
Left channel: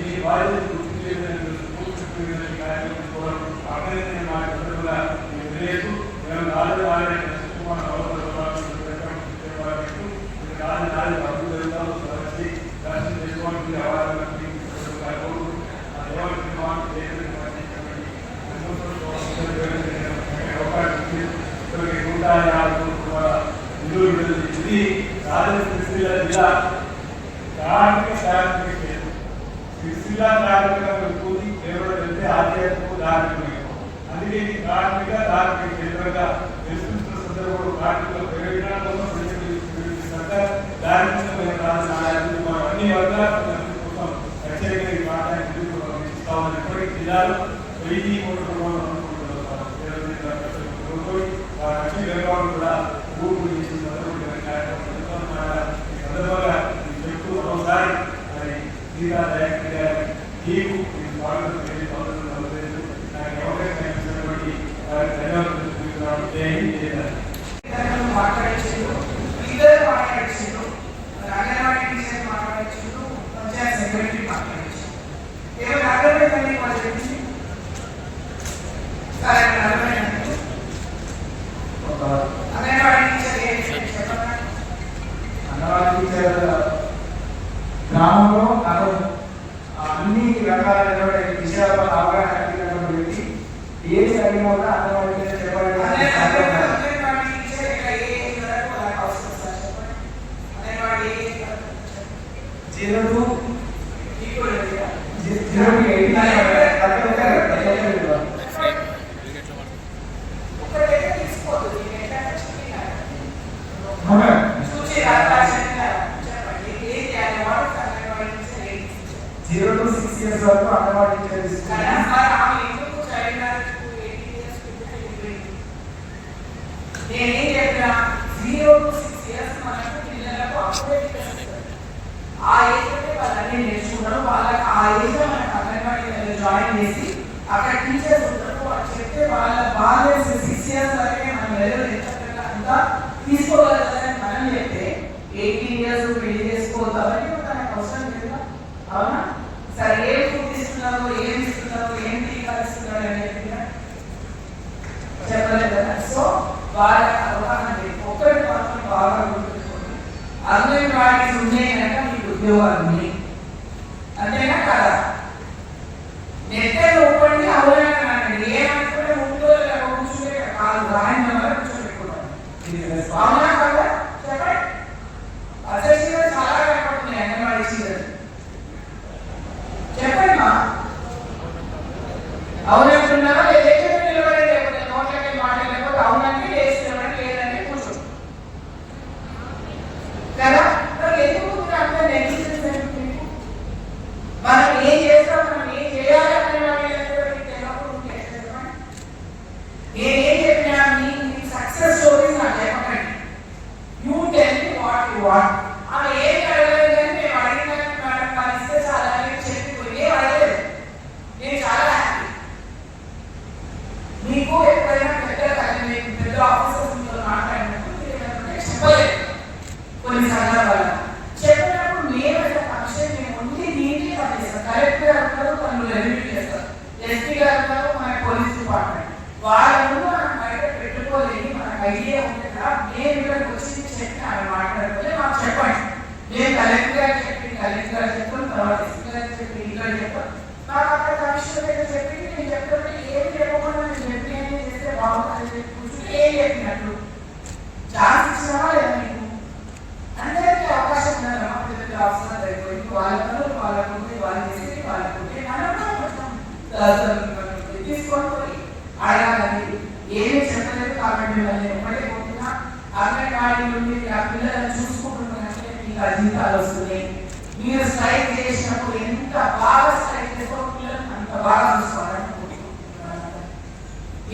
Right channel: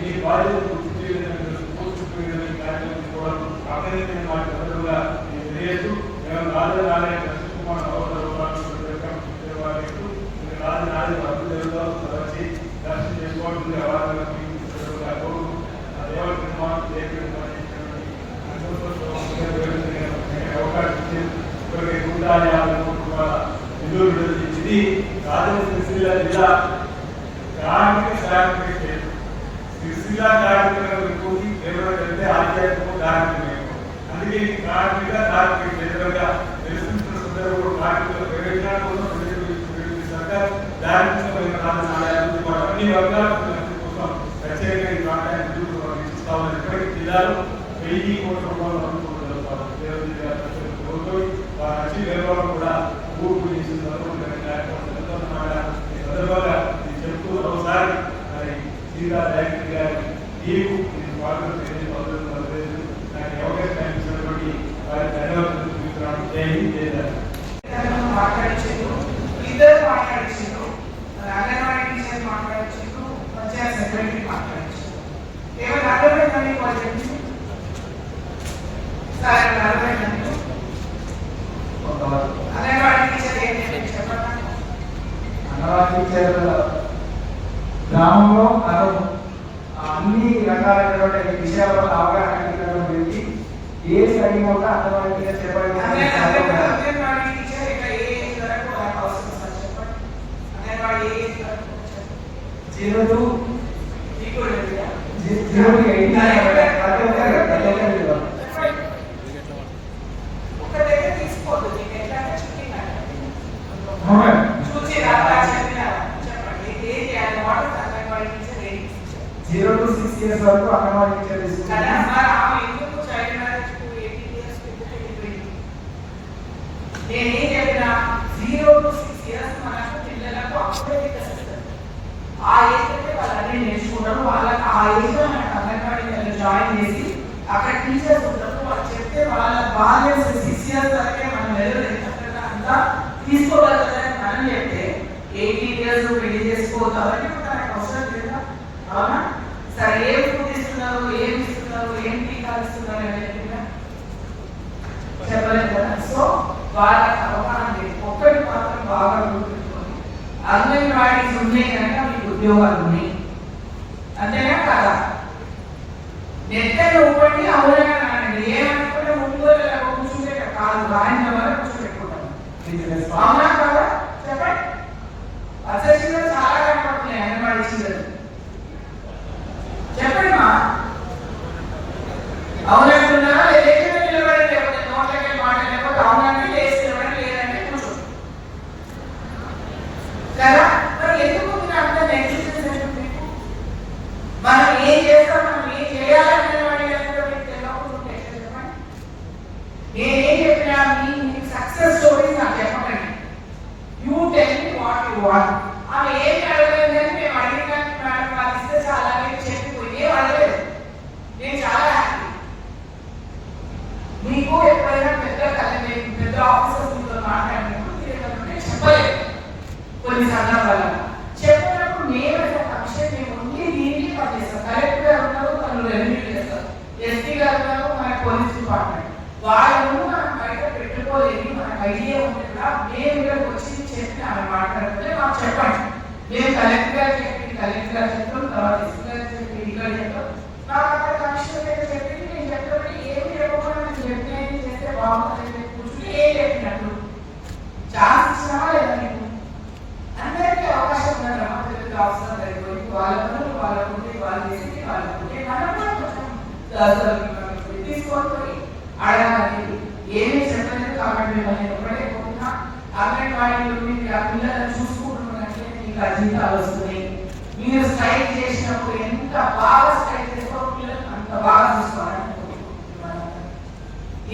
మీ బాధ్యతను గుర్తు చేయడానికి కార్యక్రమం కూడా అభినందన మాట సందర్భంగా తెలియజేస్తూ వచ్చి దర్శనం చేసుకోవడానికి ఇది రాజన్న జిల్లా కార్మిక సహాయ సిరిసిల్ల కార్మికులకు కేవలం వెళ్తే ఆధ్యాత్మిక కార్మికమే. అందుకే కార్మిక ధార్మిక క్షేత్రంగా ప్రశ్నిస్తున్న సందర్భంలో కార్మికుల ప్రయోజనాల కోసం సర్కార్ ధార్మికమైన రాజధాని అన్ని వర్గాల కోసం ప్రత్యేకంగా ఈ ప్రాంతాన్ని ఇస్తా ఉన్నారు. ఇప్పటికీ జిల్లాలో 1000 కోట్ల వారి వచ్చి నిర్వహణ కూడా ఊపు చేసిన సందర్భంగా కార్యక్రమం సందర్భంగా చెప్తూ మరోసారి మరి సీతా డైరెక్టర్ గారి తీరు స్వాగతం నాకు అవకాశం కల్పించినటువంటి వారి ధన్యవాదాలు. జై హింద్, జై భారత్. గ్రామంలో అన్ని రకాలైనటువంటి విషయాలు అవగాహన పెట్టి ఏ సరిగా కూడా అంగన్వాడీ చెప్పండి. వరకు అంగన్వాడీ నేర్చుకున్నారు. వాళ్ళకి ఆ ఏజ్ అంగన్వాడీ జాయిన్ చేసి అక్కడ టీచర్స్ ఉంటారు. వాళ్ళు చెప్తే వాళ్ళ బాధ్యత 6 years వరకే మనం వెళ్ళలేదు అంతా తీసుకోగలుగుతారని మనం చెప్తే 8 పెళ్లి చేసుకోవద్దు అవన్నీ మనకు అవసరం లేదా? అవునా? సరే ఏం ఫుడ్ ఇస్తున్నారు, ఏం ఇస్తున్నారు, ఏం టీకాలు ఇస్తున్నారు అనేది చెప్పలేదు కదా. సో వాళ్ళకి అవగాహన లేదు. ఒక్కటి మాత్రం బాగా గుర్తుపెట్టుకోండి, అంగన్వాడీస్ ఉన్నాయి కనుక మీకు ఉద్యోగాలు ఉన్నాయి, అంతేనా కదా? నెట్టలు ఊపండి అవగాహన అనండి, ఏమనుకుంటే ముందు కూర్చుంటే కాదు రాని వల్ల కూర్చోబెట్టుకోవాలి. అవునా కదా? చెప్పండి. అసలు చాలా కనపడుతున్నాయి అంగన్వాడీ చీరలు, చెప్పండి మా అవునంటున్నారా? లేకపోతే నిలబడి, లేకపోతే నోట్లకి మాట, లేకపోతే అవునంటే లేచి నిలబడి, లేదంటే కూర్చో కదా. మరి ఎందుకు అంత నెగ్లిజెన్స్ అంటే మనం ఏం చేస్తాం, మనం ఏం చేయాలని నేనేం చెప్పినా మీ సక్సెస్ స్టోరీస్ నాకు చెప్పకండి. You tell me what you want. ఆమె ఏం అడగలేదు కానీ మేము అడిగినాక మేడం పాలిస్తే చాలా చెప్పిపోయి ఏం అడగలేదు. నేను చాలా హ్యాపీ. మీకు ఎప్పుడైనా పెద్ద ఆఫీసర్స్ మాట్లాడినప్పుడు చెప్పలేదు కొన్ని సందర్భాలు. చెప్పినప్పుడు మేము విషయం మేము ఓన్లీ నీటి పనిచేస్తాం. కలెక్టర్ గారు ఉన్నారు, తను రెవెన్యూ చేస్తారు, ఎస్పీ గారు ఉన్నారు, మన పోలీస్ డిపార్ట్మెంట్. వాళ్ళ ముందు మనం బయట పెట్టుకోలేని మనకు ఐడియా ఉంటుందా? మేము ఇక్కడికి వచ్చి చెప్పి ఆమె మాట్లాడితే మాకు చెప్పండి. మేము కలెక్టర్ గారు చెప్పి కలెక్టర్ గారు చెప్పాం, తర్వాత ఎస్పీ గారు చెప్పి ఇక్కడ చెప్పాం, నాకు అక్కడ కమిషనర్ గారు చెప్పి నేను చెప్పినట్టు ఏం చెప్పకుండా నేను చెప్పి ఏం చేస్తే బాగుంటుంది కూర్చుని ఏం చెప్పినట్టు ఛాన్స్ ఇచ్చినా లేదా మీకు? అందరికీ అవకాశం ఉందన్నమాట. పెద్ద అవసరం లేదు, వాళ్ళకు వాళ్ళు చేసి వాళ్ళకు తీసుకొని అడగాలి. ఏమీ చెప్పలేదు కాబట్టి నేను ఒకటే పోతున్నా, అంగన్వాడీ మీరు ఆ పిల్లలను చూసుకుంటున్నట్లే మీకు ఆ జీతాలు వస్తున్నాయి. మీరు స్ట్రైక్ చేసినప్పుడు ఎంత బాగా స్ట్రైక్ చేసుకోవడం, పిల్లలు అంత బాగా చూసుకోవాలి.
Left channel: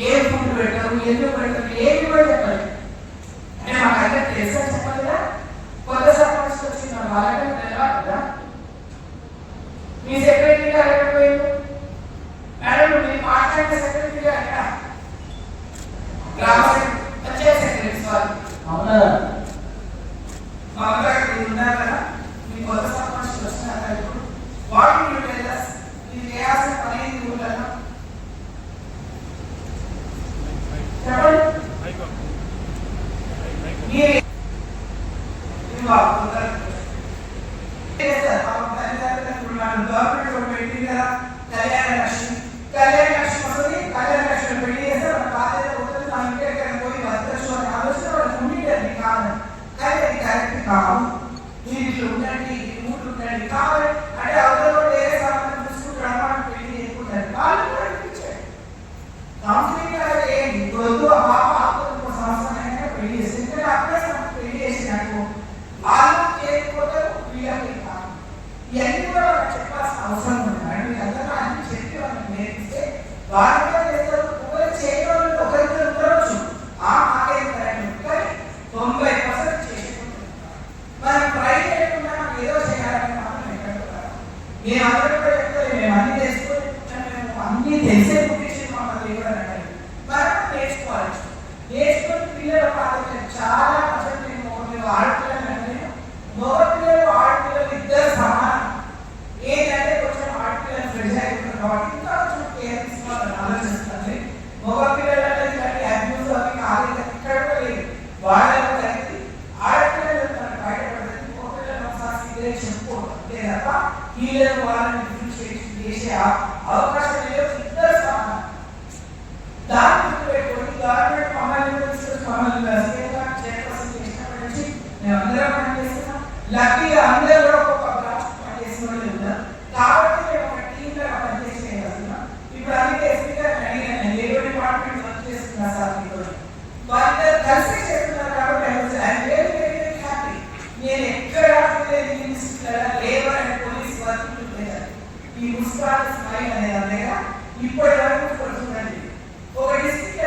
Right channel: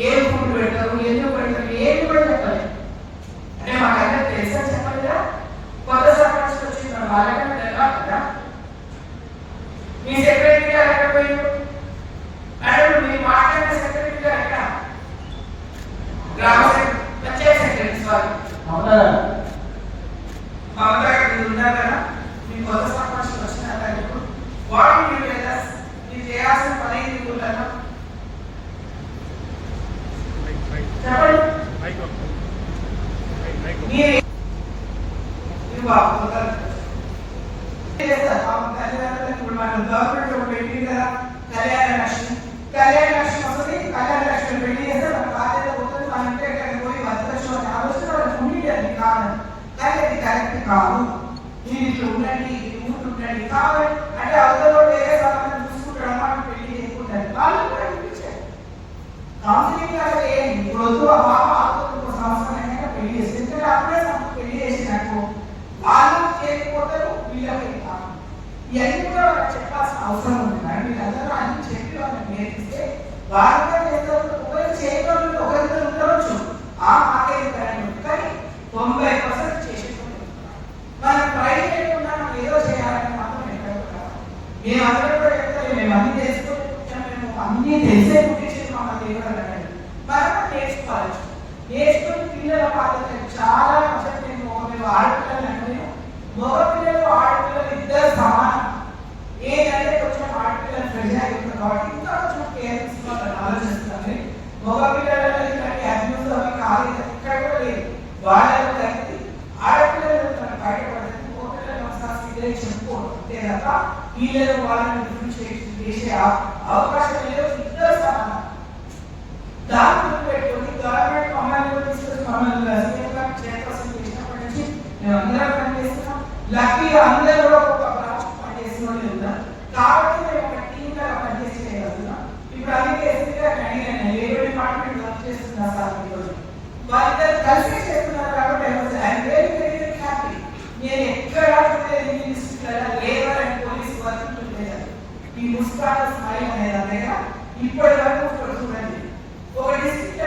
ఏం ఫుడ్ పెట్టరు, ఎందుకు పెట్టరు, ఏమి కూడా చెప్పలేదు. అంటే మాకు అందరూ తెలుసా? చెప్పలేదా? కొత్త సర్పంచ్ వచ్చి మన వాళ్ళకన్నా తెలియాలి కదా. మీ సెక్రటరీ గారు ఎక్కడ పోయిండు మేడం? మీరు మాట్లాడిన సెక్రటరీ గారు ఎక్కడ? గ్రామ పంచాయతీ సెక్రటరీ సారీ మమతా గారు ఉన్నారు కదా. మీ కొత్త సర్పంచ్ వచ్చినారా? ఇప్పుడు వాటిని మీరు లేదా మీరు చేయాల్సిన పని ఏంటి ఉంటారా? చెప్పండి. గవర్నమెంట్ పెట్టింది కదా కళ్యాణ లక్ష్మి. కళ్యాణ లక్ష్మి వస్తుంది, కళ్యాణ లక్ష్మి పెళ్లి చేస్తే మన బాధ్యత పోతుంది. మన ఇంటి పోయి భద్రశో ఆలోచన వాళ్ళకి ఉండేది కాదు, కానీ అది కరెక్ట్ కాదు. మీరు ఇట్లా ఉండండి, ఊరు ఉండండి కాదు అంటే అవతల ఏ సంబంధం చూసుకుంటాడు మనం పెళ్లి చేసుకుంటారు. వాళ్ళు కూడా అనిపించారు కౌన్సిలింగ్ లాగా ఏంటి వద్దు ఆ పాప ఆత్మకు సంవత్సరం అయినా పెళ్లి చేసి, ఎందుకంటే అప్పుడే పెళ్లి చేసినట్టు వాళ్ళు చేయకపోతారు, వీళ్ళకి కాదు. ఇవన్నీ కూడా వాళ్ళకి చెప్పాల్సిన అవసరం ఉంది. మీకు అందరూ అన్ని చెప్పి వాళ్ళకి నేర్పిస్తే వాళ్ళు కూడా చేస్తారు. ఒకరు చేయడం ఒకరికి ఉండవచ్చు, ఆ మాకేం కానీ 90% చేసుకుంటారు. మనం ప్రైవేట్ ఉన్నా మనం ఏదో చేయాలని మాత్రం ఎక్కడ మేము అందరూ కూడా చెప్తారు, మేము అన్ని తెలుసుకొని మేము అన్ని తెలిసే పుట్టించి మమ్మల్ని దేవుడు మనం నేర్చుకోవాలి. నేర్చుకుని పిల్లల పాత్ర చాలా నేను ఆడపిల్లలు అంటే మగ పిల్లలు ఆడపిల్లలు ఇద్దరు సమానం. ఏంటంటే కొంచెం ఆడపిల్లలు ఫ్రెండ్స్ అయిపోతుంది కాబట్టి ఇంకా కొంచెం కేర్ తీసుకోవాలని ఆలోచిస్తుంది. మగ పిల్లలు ఇలాంటి అబ్యూస్ అవి కాలేదు, ఎక్కడ కూడా లేదు. వాళ్ళలో కలిపి ఆడపిల్లలు బయటపడుతుంది, మగ పిల్లలు ఒకసారి చెప్పుకోవడం అంతే తప్ప వీళ్ళను వాళ్ళని డిఫరెన్షియేషన్ చేసే అవకాశం లేదు. ఇద్దరు సమానం. దాన్ని గుర్తుపెట్టుకొని గవర్నమెంట్ మమ్మల్ని తీసుకొచ్చి మమ్మల్ని చైర్పర్సన్ చేసినప్పటి నుంచి మేము అందరం పనిచేస్తున్నాం. లక్కీగా అందరూ కూడా ఒక బ్రాంచ్ పనిచేసిన వాళ్ళు ఉన్నారు కాబట్టి మేము ఒక టీమ్ గా పనిచేసి చేయగలుగుతున్నాం. ఇప్పుడు అందుకే ఎస్పీ గారు అడిగాను, లేబర్ డిపార్ట్మెంట్ వర్క్ చేస్తున్నా సార్ మీతో, వాళ్ళిద్దరు కలిసి చేస్తున్నారు కాబట్టి హ్యాపీ. నేను ఎక్కడ labour and police work together. ఈ ముస్కాన్ స్మైల్ అనేది అంతేగా ఇప్పటి వరకు చూడండి, ఒక డిస్ట్రిక్ట్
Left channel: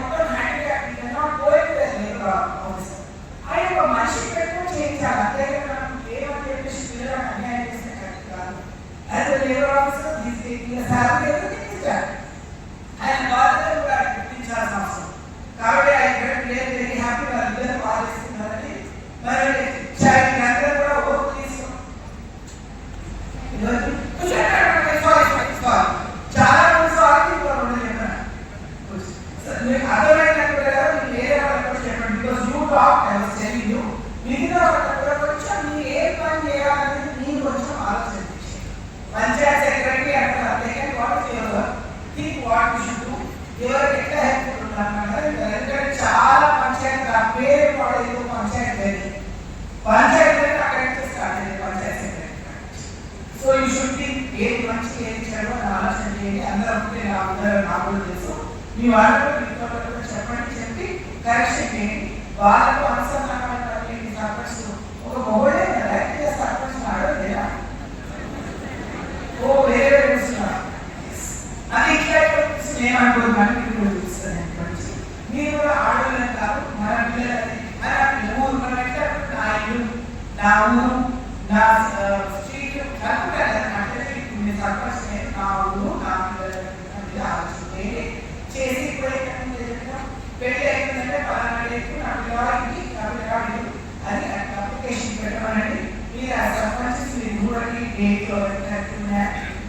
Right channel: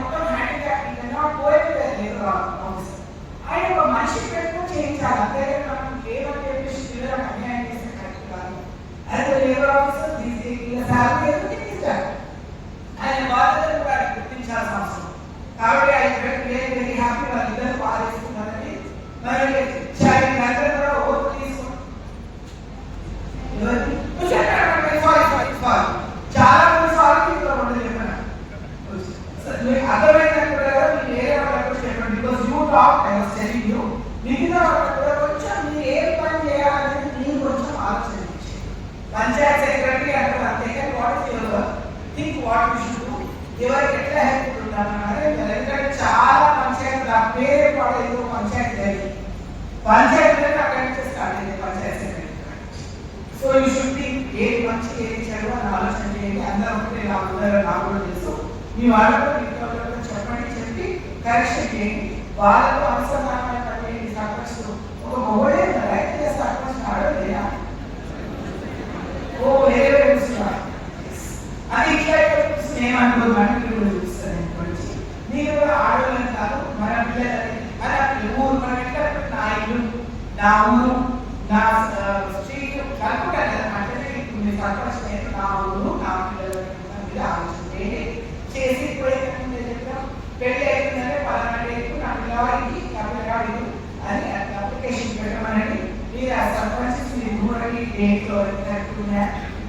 మొత్తం హ్యాండిక్యాప్ పోయిపోయారు ఆఫీసర్. ఆయన ఒక మనిషి పెట్టడం చేయించాలి, అంతేగా మనం లేబర్ చెప్పేసి పిల్లలకు అన్యాయం చేస్తే కరెక్ట్ కాదు. యాజ్ లేబర్ ఆఫీసర్ శాలరీ గుర్తించాలి, ఆయన బాధ్యతలు కూడా గుర్తించాల్సిన అవసరం. కాబట్టి ఆయన వెరీ హ్యాపీ వాళ్ళిద్దరు బాగా చేస్తున్నారని మరి అందరూ కూడా వేరే వాళ్ళు పంచాయతీ అక్కడి నుంచి స్టార్ట్ అయ్యింది పంచాయతీ సెక్రటరీ. సో ఈ షుడ్ థింక్ ఏది మంచి ఏది చెడు అని ఆలోచన చేయండి. అందరూ నాకు తెలుసు, మీ వాళ్ళతో ఇంకోళ్ళతో చెప్పి కరెక్షన్ చేయండి. వాళ్ళతో అనుసంధానం సర్పంచ్ ఒక మొబైల్ సర్పంచ్ లేదా ఓ వేరే అది ఇట్లా ఏమనుకోదు మనకి చూపిస్తుంది. మీరు కూడా ఆడవాళ్ళు కాదు, మన పిల్లలని మన ఊరు నా ఇల్లు నా ఊరు నా స్ట్రీట్ కలుపుతారు కదా. అంటే ఇప్పుడు సర్పంచ్ నా ఊరు నా పిల్లలని ఆలోచన చేసి పెళ్లి అయిపోయిందంటే పలానా నా పిల్లవాడికి అని అప్లికేషన్ పెట్టమనండి. మీరు ఆ సర్పంచ్ మీరు దూరండి డేట్లో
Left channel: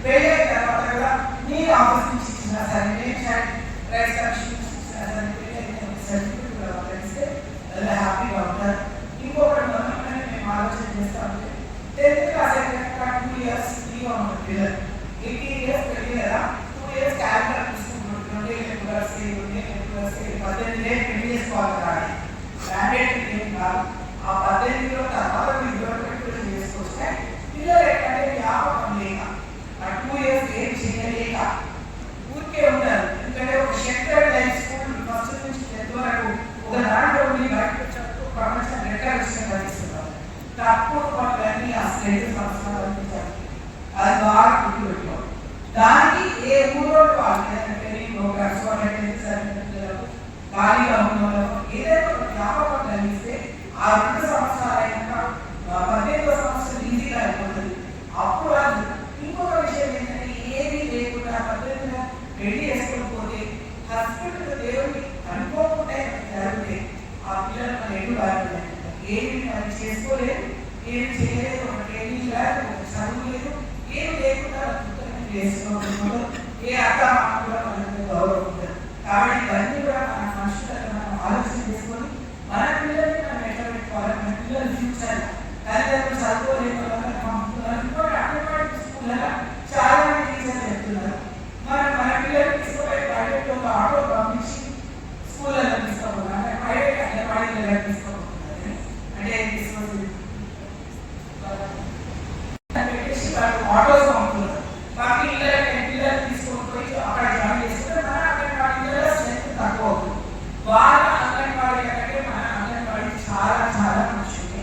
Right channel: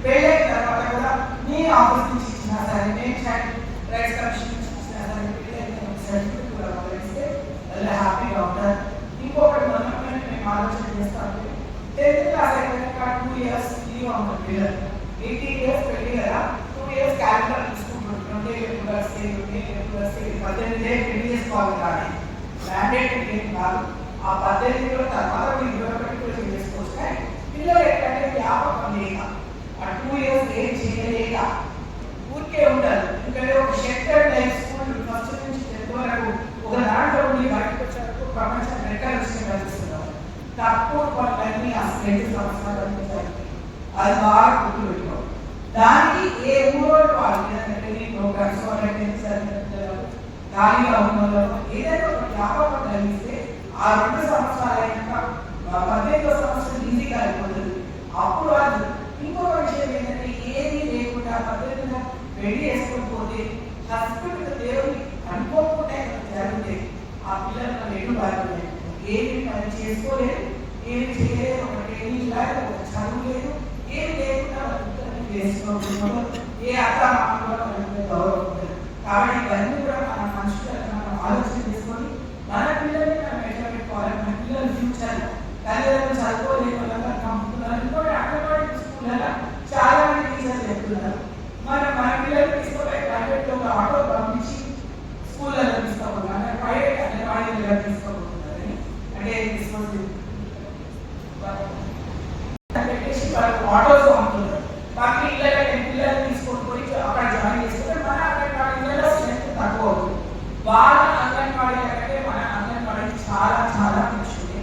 పెళ్లి అయిన తర్వాత కూడా మీరు ఆఫీస్ నుంచి ఇచ్చినా సరే నేను చైల్డ్ రైట్స్ కమిషన్ నుంచి ఇచ్చినా సరే సర్టిఫికేట్ కూడా పంపిస్తే హ్యాపీ డాక్టర్. ఇంకొకటి మేము ఆలోచన చేస్తాము 10th క్లాస్ అయిపోయాక 2 years లీవ్ ఉంటుంది. 18 years పెళ్లి కదా, 2 years క్యాలెండర్ తీసుకుంటున్నాం. 18 ఏళ్ళు పెళ్లి చేసుకోవాలి కానీ మ్యాండేటరీ ఏం కాదు. ఆ 18 తర్వాత మీరు చేసుకోవచ్చు. కానీ పిల్లలు ఎక్కడంటే వ్యాపకం లేక ఆ 2 years ఏం చేయలేక ఊరికే ఉంటారు. ఎందుకంటే ఒక షెల్టర్ లైఫ్ స్కూల్ ఫస్ట్ నుంచి 10th వరకు ఒక దాంట్లో ఉండి బయటకు వచ్చే వరకు ప్రపంచం ఎక్కడ విషయం కనిపిస్తున్నారు. తక్కువ పనులన్నీ అసలు 5 సంవత్సరాలు ఉంటుంది. అది బాగా గుర్తుపెట్టుకోవాలి. దానికి ఏ ఊరో వాళ్ళు ట్రైనింగ్ ప్రోగ్రామ్స్ ఖాళీగా ఉన్న ఏదైనా ఒక వ్యాపారం కలిగిస్తే ఆ 2 సంవత్సరాలు అయినాక 18వ సంవత్సరం ఈజీగా అయిపోతుంది. అప్పుడు అది ఇంకొక విషయం ఏంటంటే ఏది లేకుండా 18న పెళ్లి చేసుకోకపోతే హస్బెండ్ దేవుని అనుకోకుండా జరిగితే ఆ పిల్లలు ఎటు బాధ్యత ఏమి పని చేసుకోలేదు, ఏమి చేయలేదు, ఒక ట్రైనింగ్ లేదు, ఒక చదువు లేదు, ఏమి లేకుండా చేసుకోవడం ఏ అర్థ కూడా మనకు గౌరవం ఉంటుంది. కాబట్టి ఇవన్నీ కూడా మన మనుషులను మనం ఆలోచన చేసుకొని మన పిల్లల్ని మనం ఎట్లా పెట్టుకోవాలి, మన పిల్లల ఫ్యూచర్ తల్లిదండ్రులు చదువుకోలేని వాళ్ళందరూ పంపుతున్నారు. ఇంకోటి అంగన్వాడీ స్కూళ్ళ చాలా మంది టీచర్లు చెప్తున్నారు మన పిల్లలు తీసుకుపోయి ప్రైవేట్లో ఆటో పంపించి స్కూళ్ళలో తీసుకోవాలి, ప్రైవేట్ అంగన్వాడీ తీసుకోబోతున్నారు. అంటే పెట్టేసి వాళ్ళకి ఆటోస్ పంపుతున్నారు. బాకీ పిల్లలు తీసుకొని పోయి అక్కడ జాయిన్ చేసుకుంటే మన అంగన్వాడీలో స్ట్రెంత్ తక్కువ అవుతుంది. వాళ్ళ అంగన్వాడీ అంటే మన అంగన్వాడీ చాలా చాలా మంచిది.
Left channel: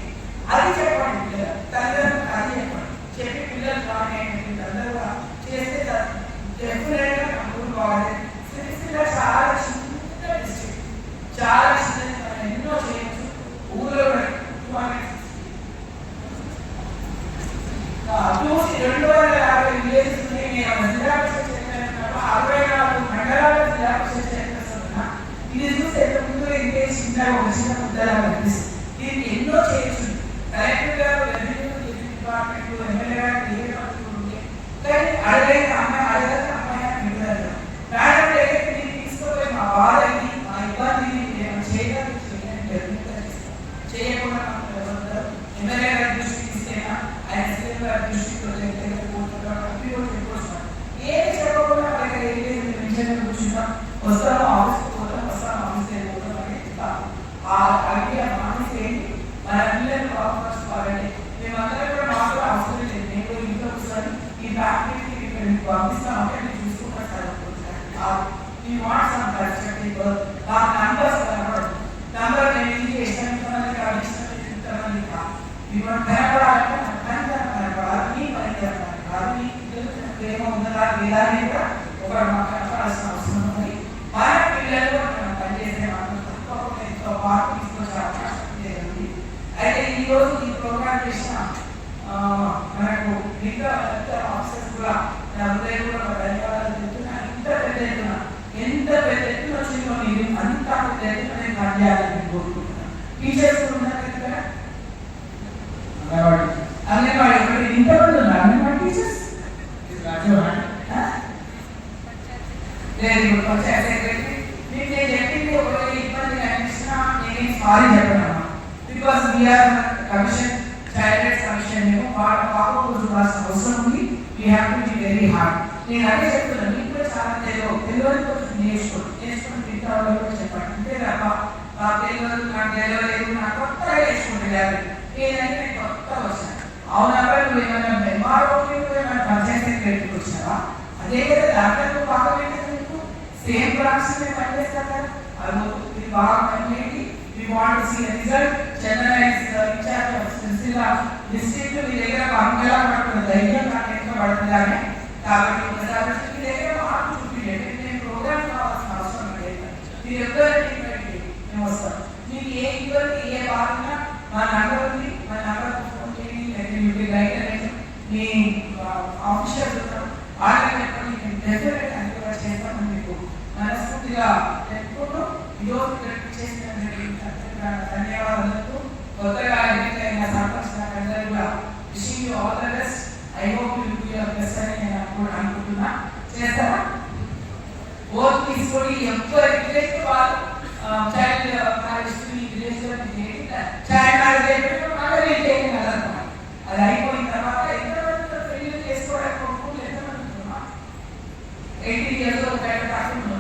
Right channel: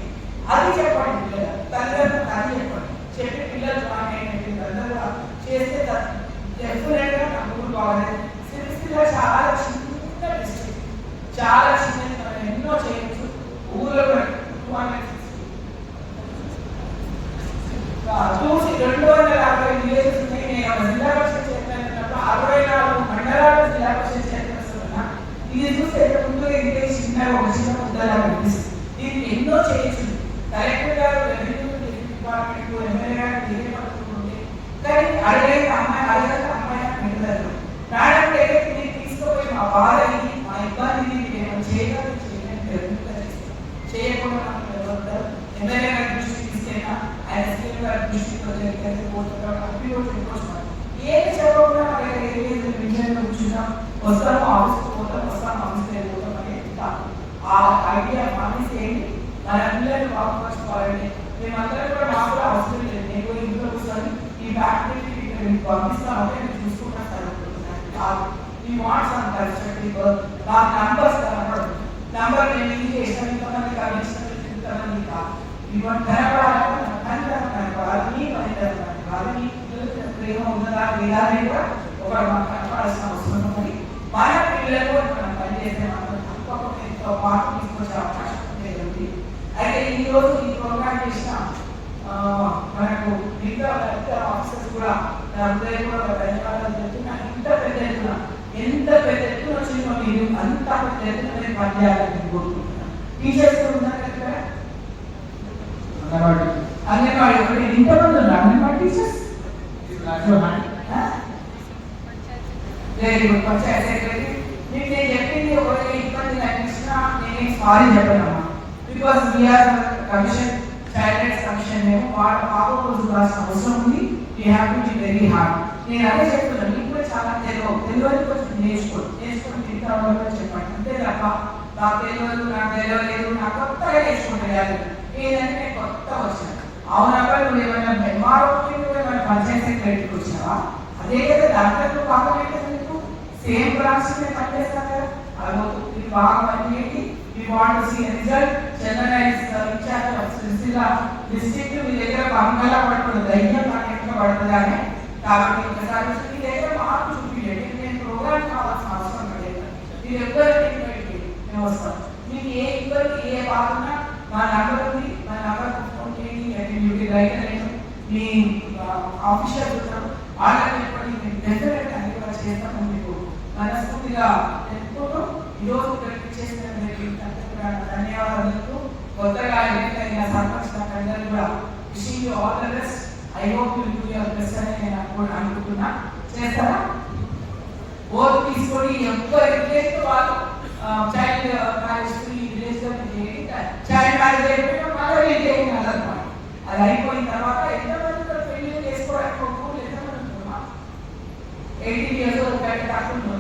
అది చెప్పండి పిల్లలు, తల్లిదండ్రులకు అది చెప్పండి. చెప్పి పిల్లలు అందరూ చేస్తే డెఫినెట్గా నాకు బాగుంది. సిరిసిల్ల చాలా చిన్న డిస్ట్రిక్ట్, చాలా చిన్నది, మనం ఎన్నో చేయొచ్చు. ఊళ్ళో 250 విలేజెస్ ఉన్నాయి. నేను జిల్లా పరిషత్ చైర్మన్ 64 మండలాల జిల్లా పరిషత్ చైర్మన్స్ ఉన్నా. ఇది చూస్తే ముందు ఇంకే చిన్న ఒక చిన్న ముద్దలా అనిపిస్తుంది. దీనికి ఎన్నో చేయొచ్చు. కలెక్టర్ గారు డిపార్ట్మెంట్ ఎమ్మెల్యే గారు డిపార్ట్మెంట్ ఉంటే కానీ అడగైతే అమ్మాయి పెట్టారు. మేడం దగ్గరికి నేను తీసుకుపోయి మా బాధ ఇది, మా ఇబ్బంది నేను చేయకుండా ఎమ్మెల్యే గారి దృష్టికి తీసుకెళ్ళినా ఆయన ఎస్ఎం గారి దృష్టికి ఏమి చెప్పకుండా మన దగ్గర ఏదైతే కూర్చున్నా వస్తాము ఆఫీస్కి పోతాం, వస్తాము ఆఫీస్ అయిపోతాం అనేది ఆ ఐడియా ఆఫీస్ ఏంటి, మన పిల్లలు బాగుపరచుకోవాలండి. మేమందరం కూడా మాకు కూడా అవసరం లేదు. నేను ఇంట్లో కూర్చొని ఈ ఫ్యాక్టరీకి పంపిస్తామంటే నేను చూసుకుంటా ఈ వాట్స్ నాకు నంబర్స్ కనపడదు. నంబర్ నేను ఇది చేసిన ఇంతమంది ఇంతమంది కాదు. ఇవన్నీ కనపడాలంటే కనపడాలి, మీ పని కనపడాలి, మీ ప్రేమ ఉన్నదా లేదా అనేది కూడా ఒక మాకు కనపడాల్సిన అవసరం ఉంది. మన పిల్లలు మనం పనిచేసే మనం తప్పకుండా ఎంతో పాటు తీసుకొచ్చే అవకాశం ఉంది. అయితే ఈరోజు ఈ ప్రోగ్రామ్ చేసిన మనకు మిగతా ఆఫీసర్స్ కూడా నా హృదయం కూడా ధన్యవాదాలు చెప్తున్నా. ఎంత పెద్ద ఎత్తున వచ్చిందో మీరు అంత పెద్ద ఎత్తున పనిచేయాలని కోరుకుంటున్నాను. టీచర్స్ కూడా ఉన్నారు కదా, అంగన్వాడీ ఒకటి ఇంతమంది ఉన్నారు anganwadi teachers. Very good. Panchayat secretary మీకు నేను చెప్పింది ఒకవేళ ఇబ్బంది అనిపించినా నేనేం సారీ చెప్పను. Because we are commission child rights commission మేము వాళ్ళ పాపకు చూడాల్సిన అవసరం ఉంది. We have to be very hard. నేను అదే చెప్తున్నాను, మీకు కూడా చాలా తెలియదు కొంచెం నేర్చుకొని తింటా చెప్పండి. అంతే తప్ప నాకు తెలియదు, నాకు తెలియలేదు, నాకు కొత్తగా నేర్చుకుంటున్నారు. ఏదంటే నేను కొత్తగా వచ్చాను. అవునా నువ్వు ఏమైనా ఎంఆర్ఓకి ఏమైనా పంచాయతీ సెక్రటరీకి వచ్చినావా? అదే కదా దాంట్లో భాగం ఏంటి? నీకు సేమ్ బ్రాంచ్ మేము పనిచేస్తాం కదా. అది భాగం ఏంటి? We want to see a result. Chennai is in charge of Silsila district. మీ దగ్గర బంగాళా పడుతుంది, ధైర్యం నాకు ఎక్కువ పడుతుందని. కాబట్టి ఒకసారి మీ దగ్గర మార్పు చూపించండి. నేను ప్రోగ్రామ్ కావాల్సిన అవసరం లేదు. మీరు ఎవరు మేము వస్తాం. మీకు ఏ ఇబ్బంది ఏ బాధ ఉన్నా మా నెంబర్ ఉంది, మా నెంబర్ ఫోన్ చేయండి. మీ ఆఫీషియల్ వాళ్ళని చెప్పండి. నేను డెఫినెట్ అది కూడా చేస్తామని మీకు మనస్ఫూర్తిగా చెప్పుకుంటూ ఈరోజు ఇక్కడికి చేసినందుకు ధన్యవాదాలు. కొత్తగా ఎన్నికైన సర్పంచ్ అందరూ కూడా wishing you all the best. I hope you do your best అని నేను అనుకుంటున్నా. చేస్తారా? ఓటు తీసుకొని ఎవరు విలేజ్ వాళ్ళు చైల్డ్ మ్యారేజ్ విలేజ్ లో చైల్డ్ మ్యారేజ్ అయిపోయిన అది అయిపోయిన తర్వాత ఎంతమంది పెళ్లి చేసుకోవడానికి ఒప్పుకోలు ఎంతమంది ఉంటున్నాం? 18 years ఒక కాకుండా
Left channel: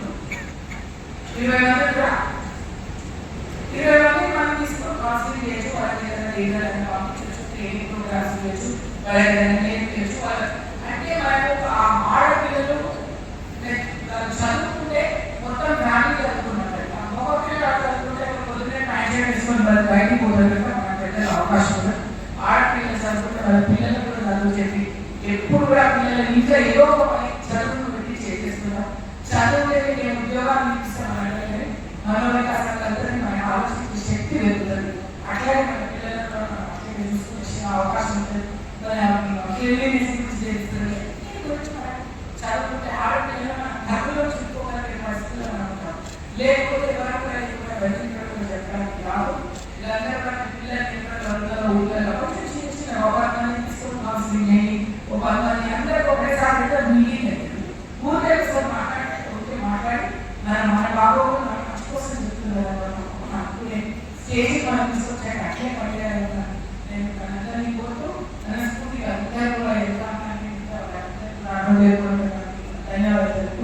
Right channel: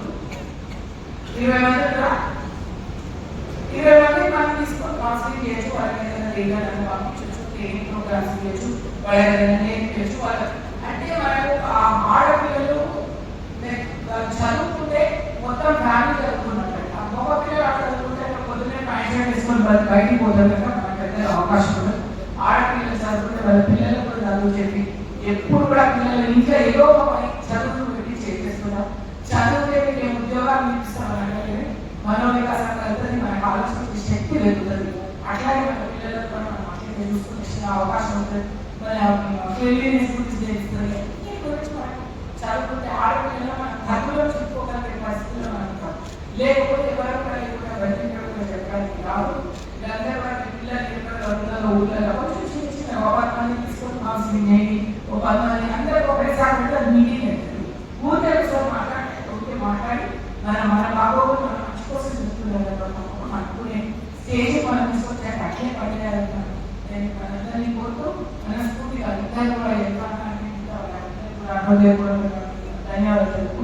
20 మంది కూడా 20 మంది మనం తీసుకొని కౌన్సిలింగ్ చేయొచ్చు. వాళ్ళకి ఏదైనా లీడర్లను పంపించవచ్చు, ట్రైనింగ్ ప్రోగ్రామ్స్ చేయొచ్చు, వాళ్ళకి ఏదైనా నేర్పించవచ్చు. అంటే మనకు ఆ ఆడపిల్లలు చదువుకుంటే మొత్తం ఫ్యామిలీ చదువుకున్నట్టు. ఆ మగ పిల్లలు చదువుకుంటే పొద్దున్నే ప్యాంట్ వేసుకొని బయటికి పోతారు కనుక మనకు పెద్ద అవకాశం ఉంటుంది. ఆడపిల్లలు చదువుకుంటే వాళ్ళ పిల్లలు కూడా చదువు చెప్పి ఎప్పుడు కూడా పిల్లలు ఇంట్లో ఏదో ఒక పని చదువును పెట్టి చేసేసుకున్నాం. చదువులే నేను ఉద్యోగాలు ఇప్పిస్తామని మనోవికాసాన్ని మనకు ఆలోచించే శక్తి పెరుగుతుంది. అట్లాగే మన పిల్లలతో మనం చూసుకునే అవకాశం ఉంటుంది. మన కేవీఎస్ గురించి తెలుస్తుంది. దీని గురించి మనం చదువుకుంటే ఆడపిల్లలు మనం ధర్మంలో చెప్పుకోగలిగే పరిస్థితుల్లో మనం ఉంటాం. లేకపోతే ఎవరైనా చెప్పడానికి కాదు. వీళ్ళందరూ మన పిల్లలు ఊళ్ళలో కొంచెం చిన్న చిన్న ఒకరిని తీసుకొని కౌన్సిలింగ్ చేయండి. ఒక 10 మంది అందరికీ ఒకసారి మీటింగ్ అవుతుంది. ఊరికే ఒకసారి మాట్లాడి మన బాగోగులు మన మంచి కోసం చెప్తున్నారు. అనుకునే స్టేజ్ మనం తీసుకొచ్చాక అట్లే పడేయాలి. నేను మనందరినీ కోరుతూ మనస్ఫూర్తిగా అందరూ కూడా ధన్యవాదాలు.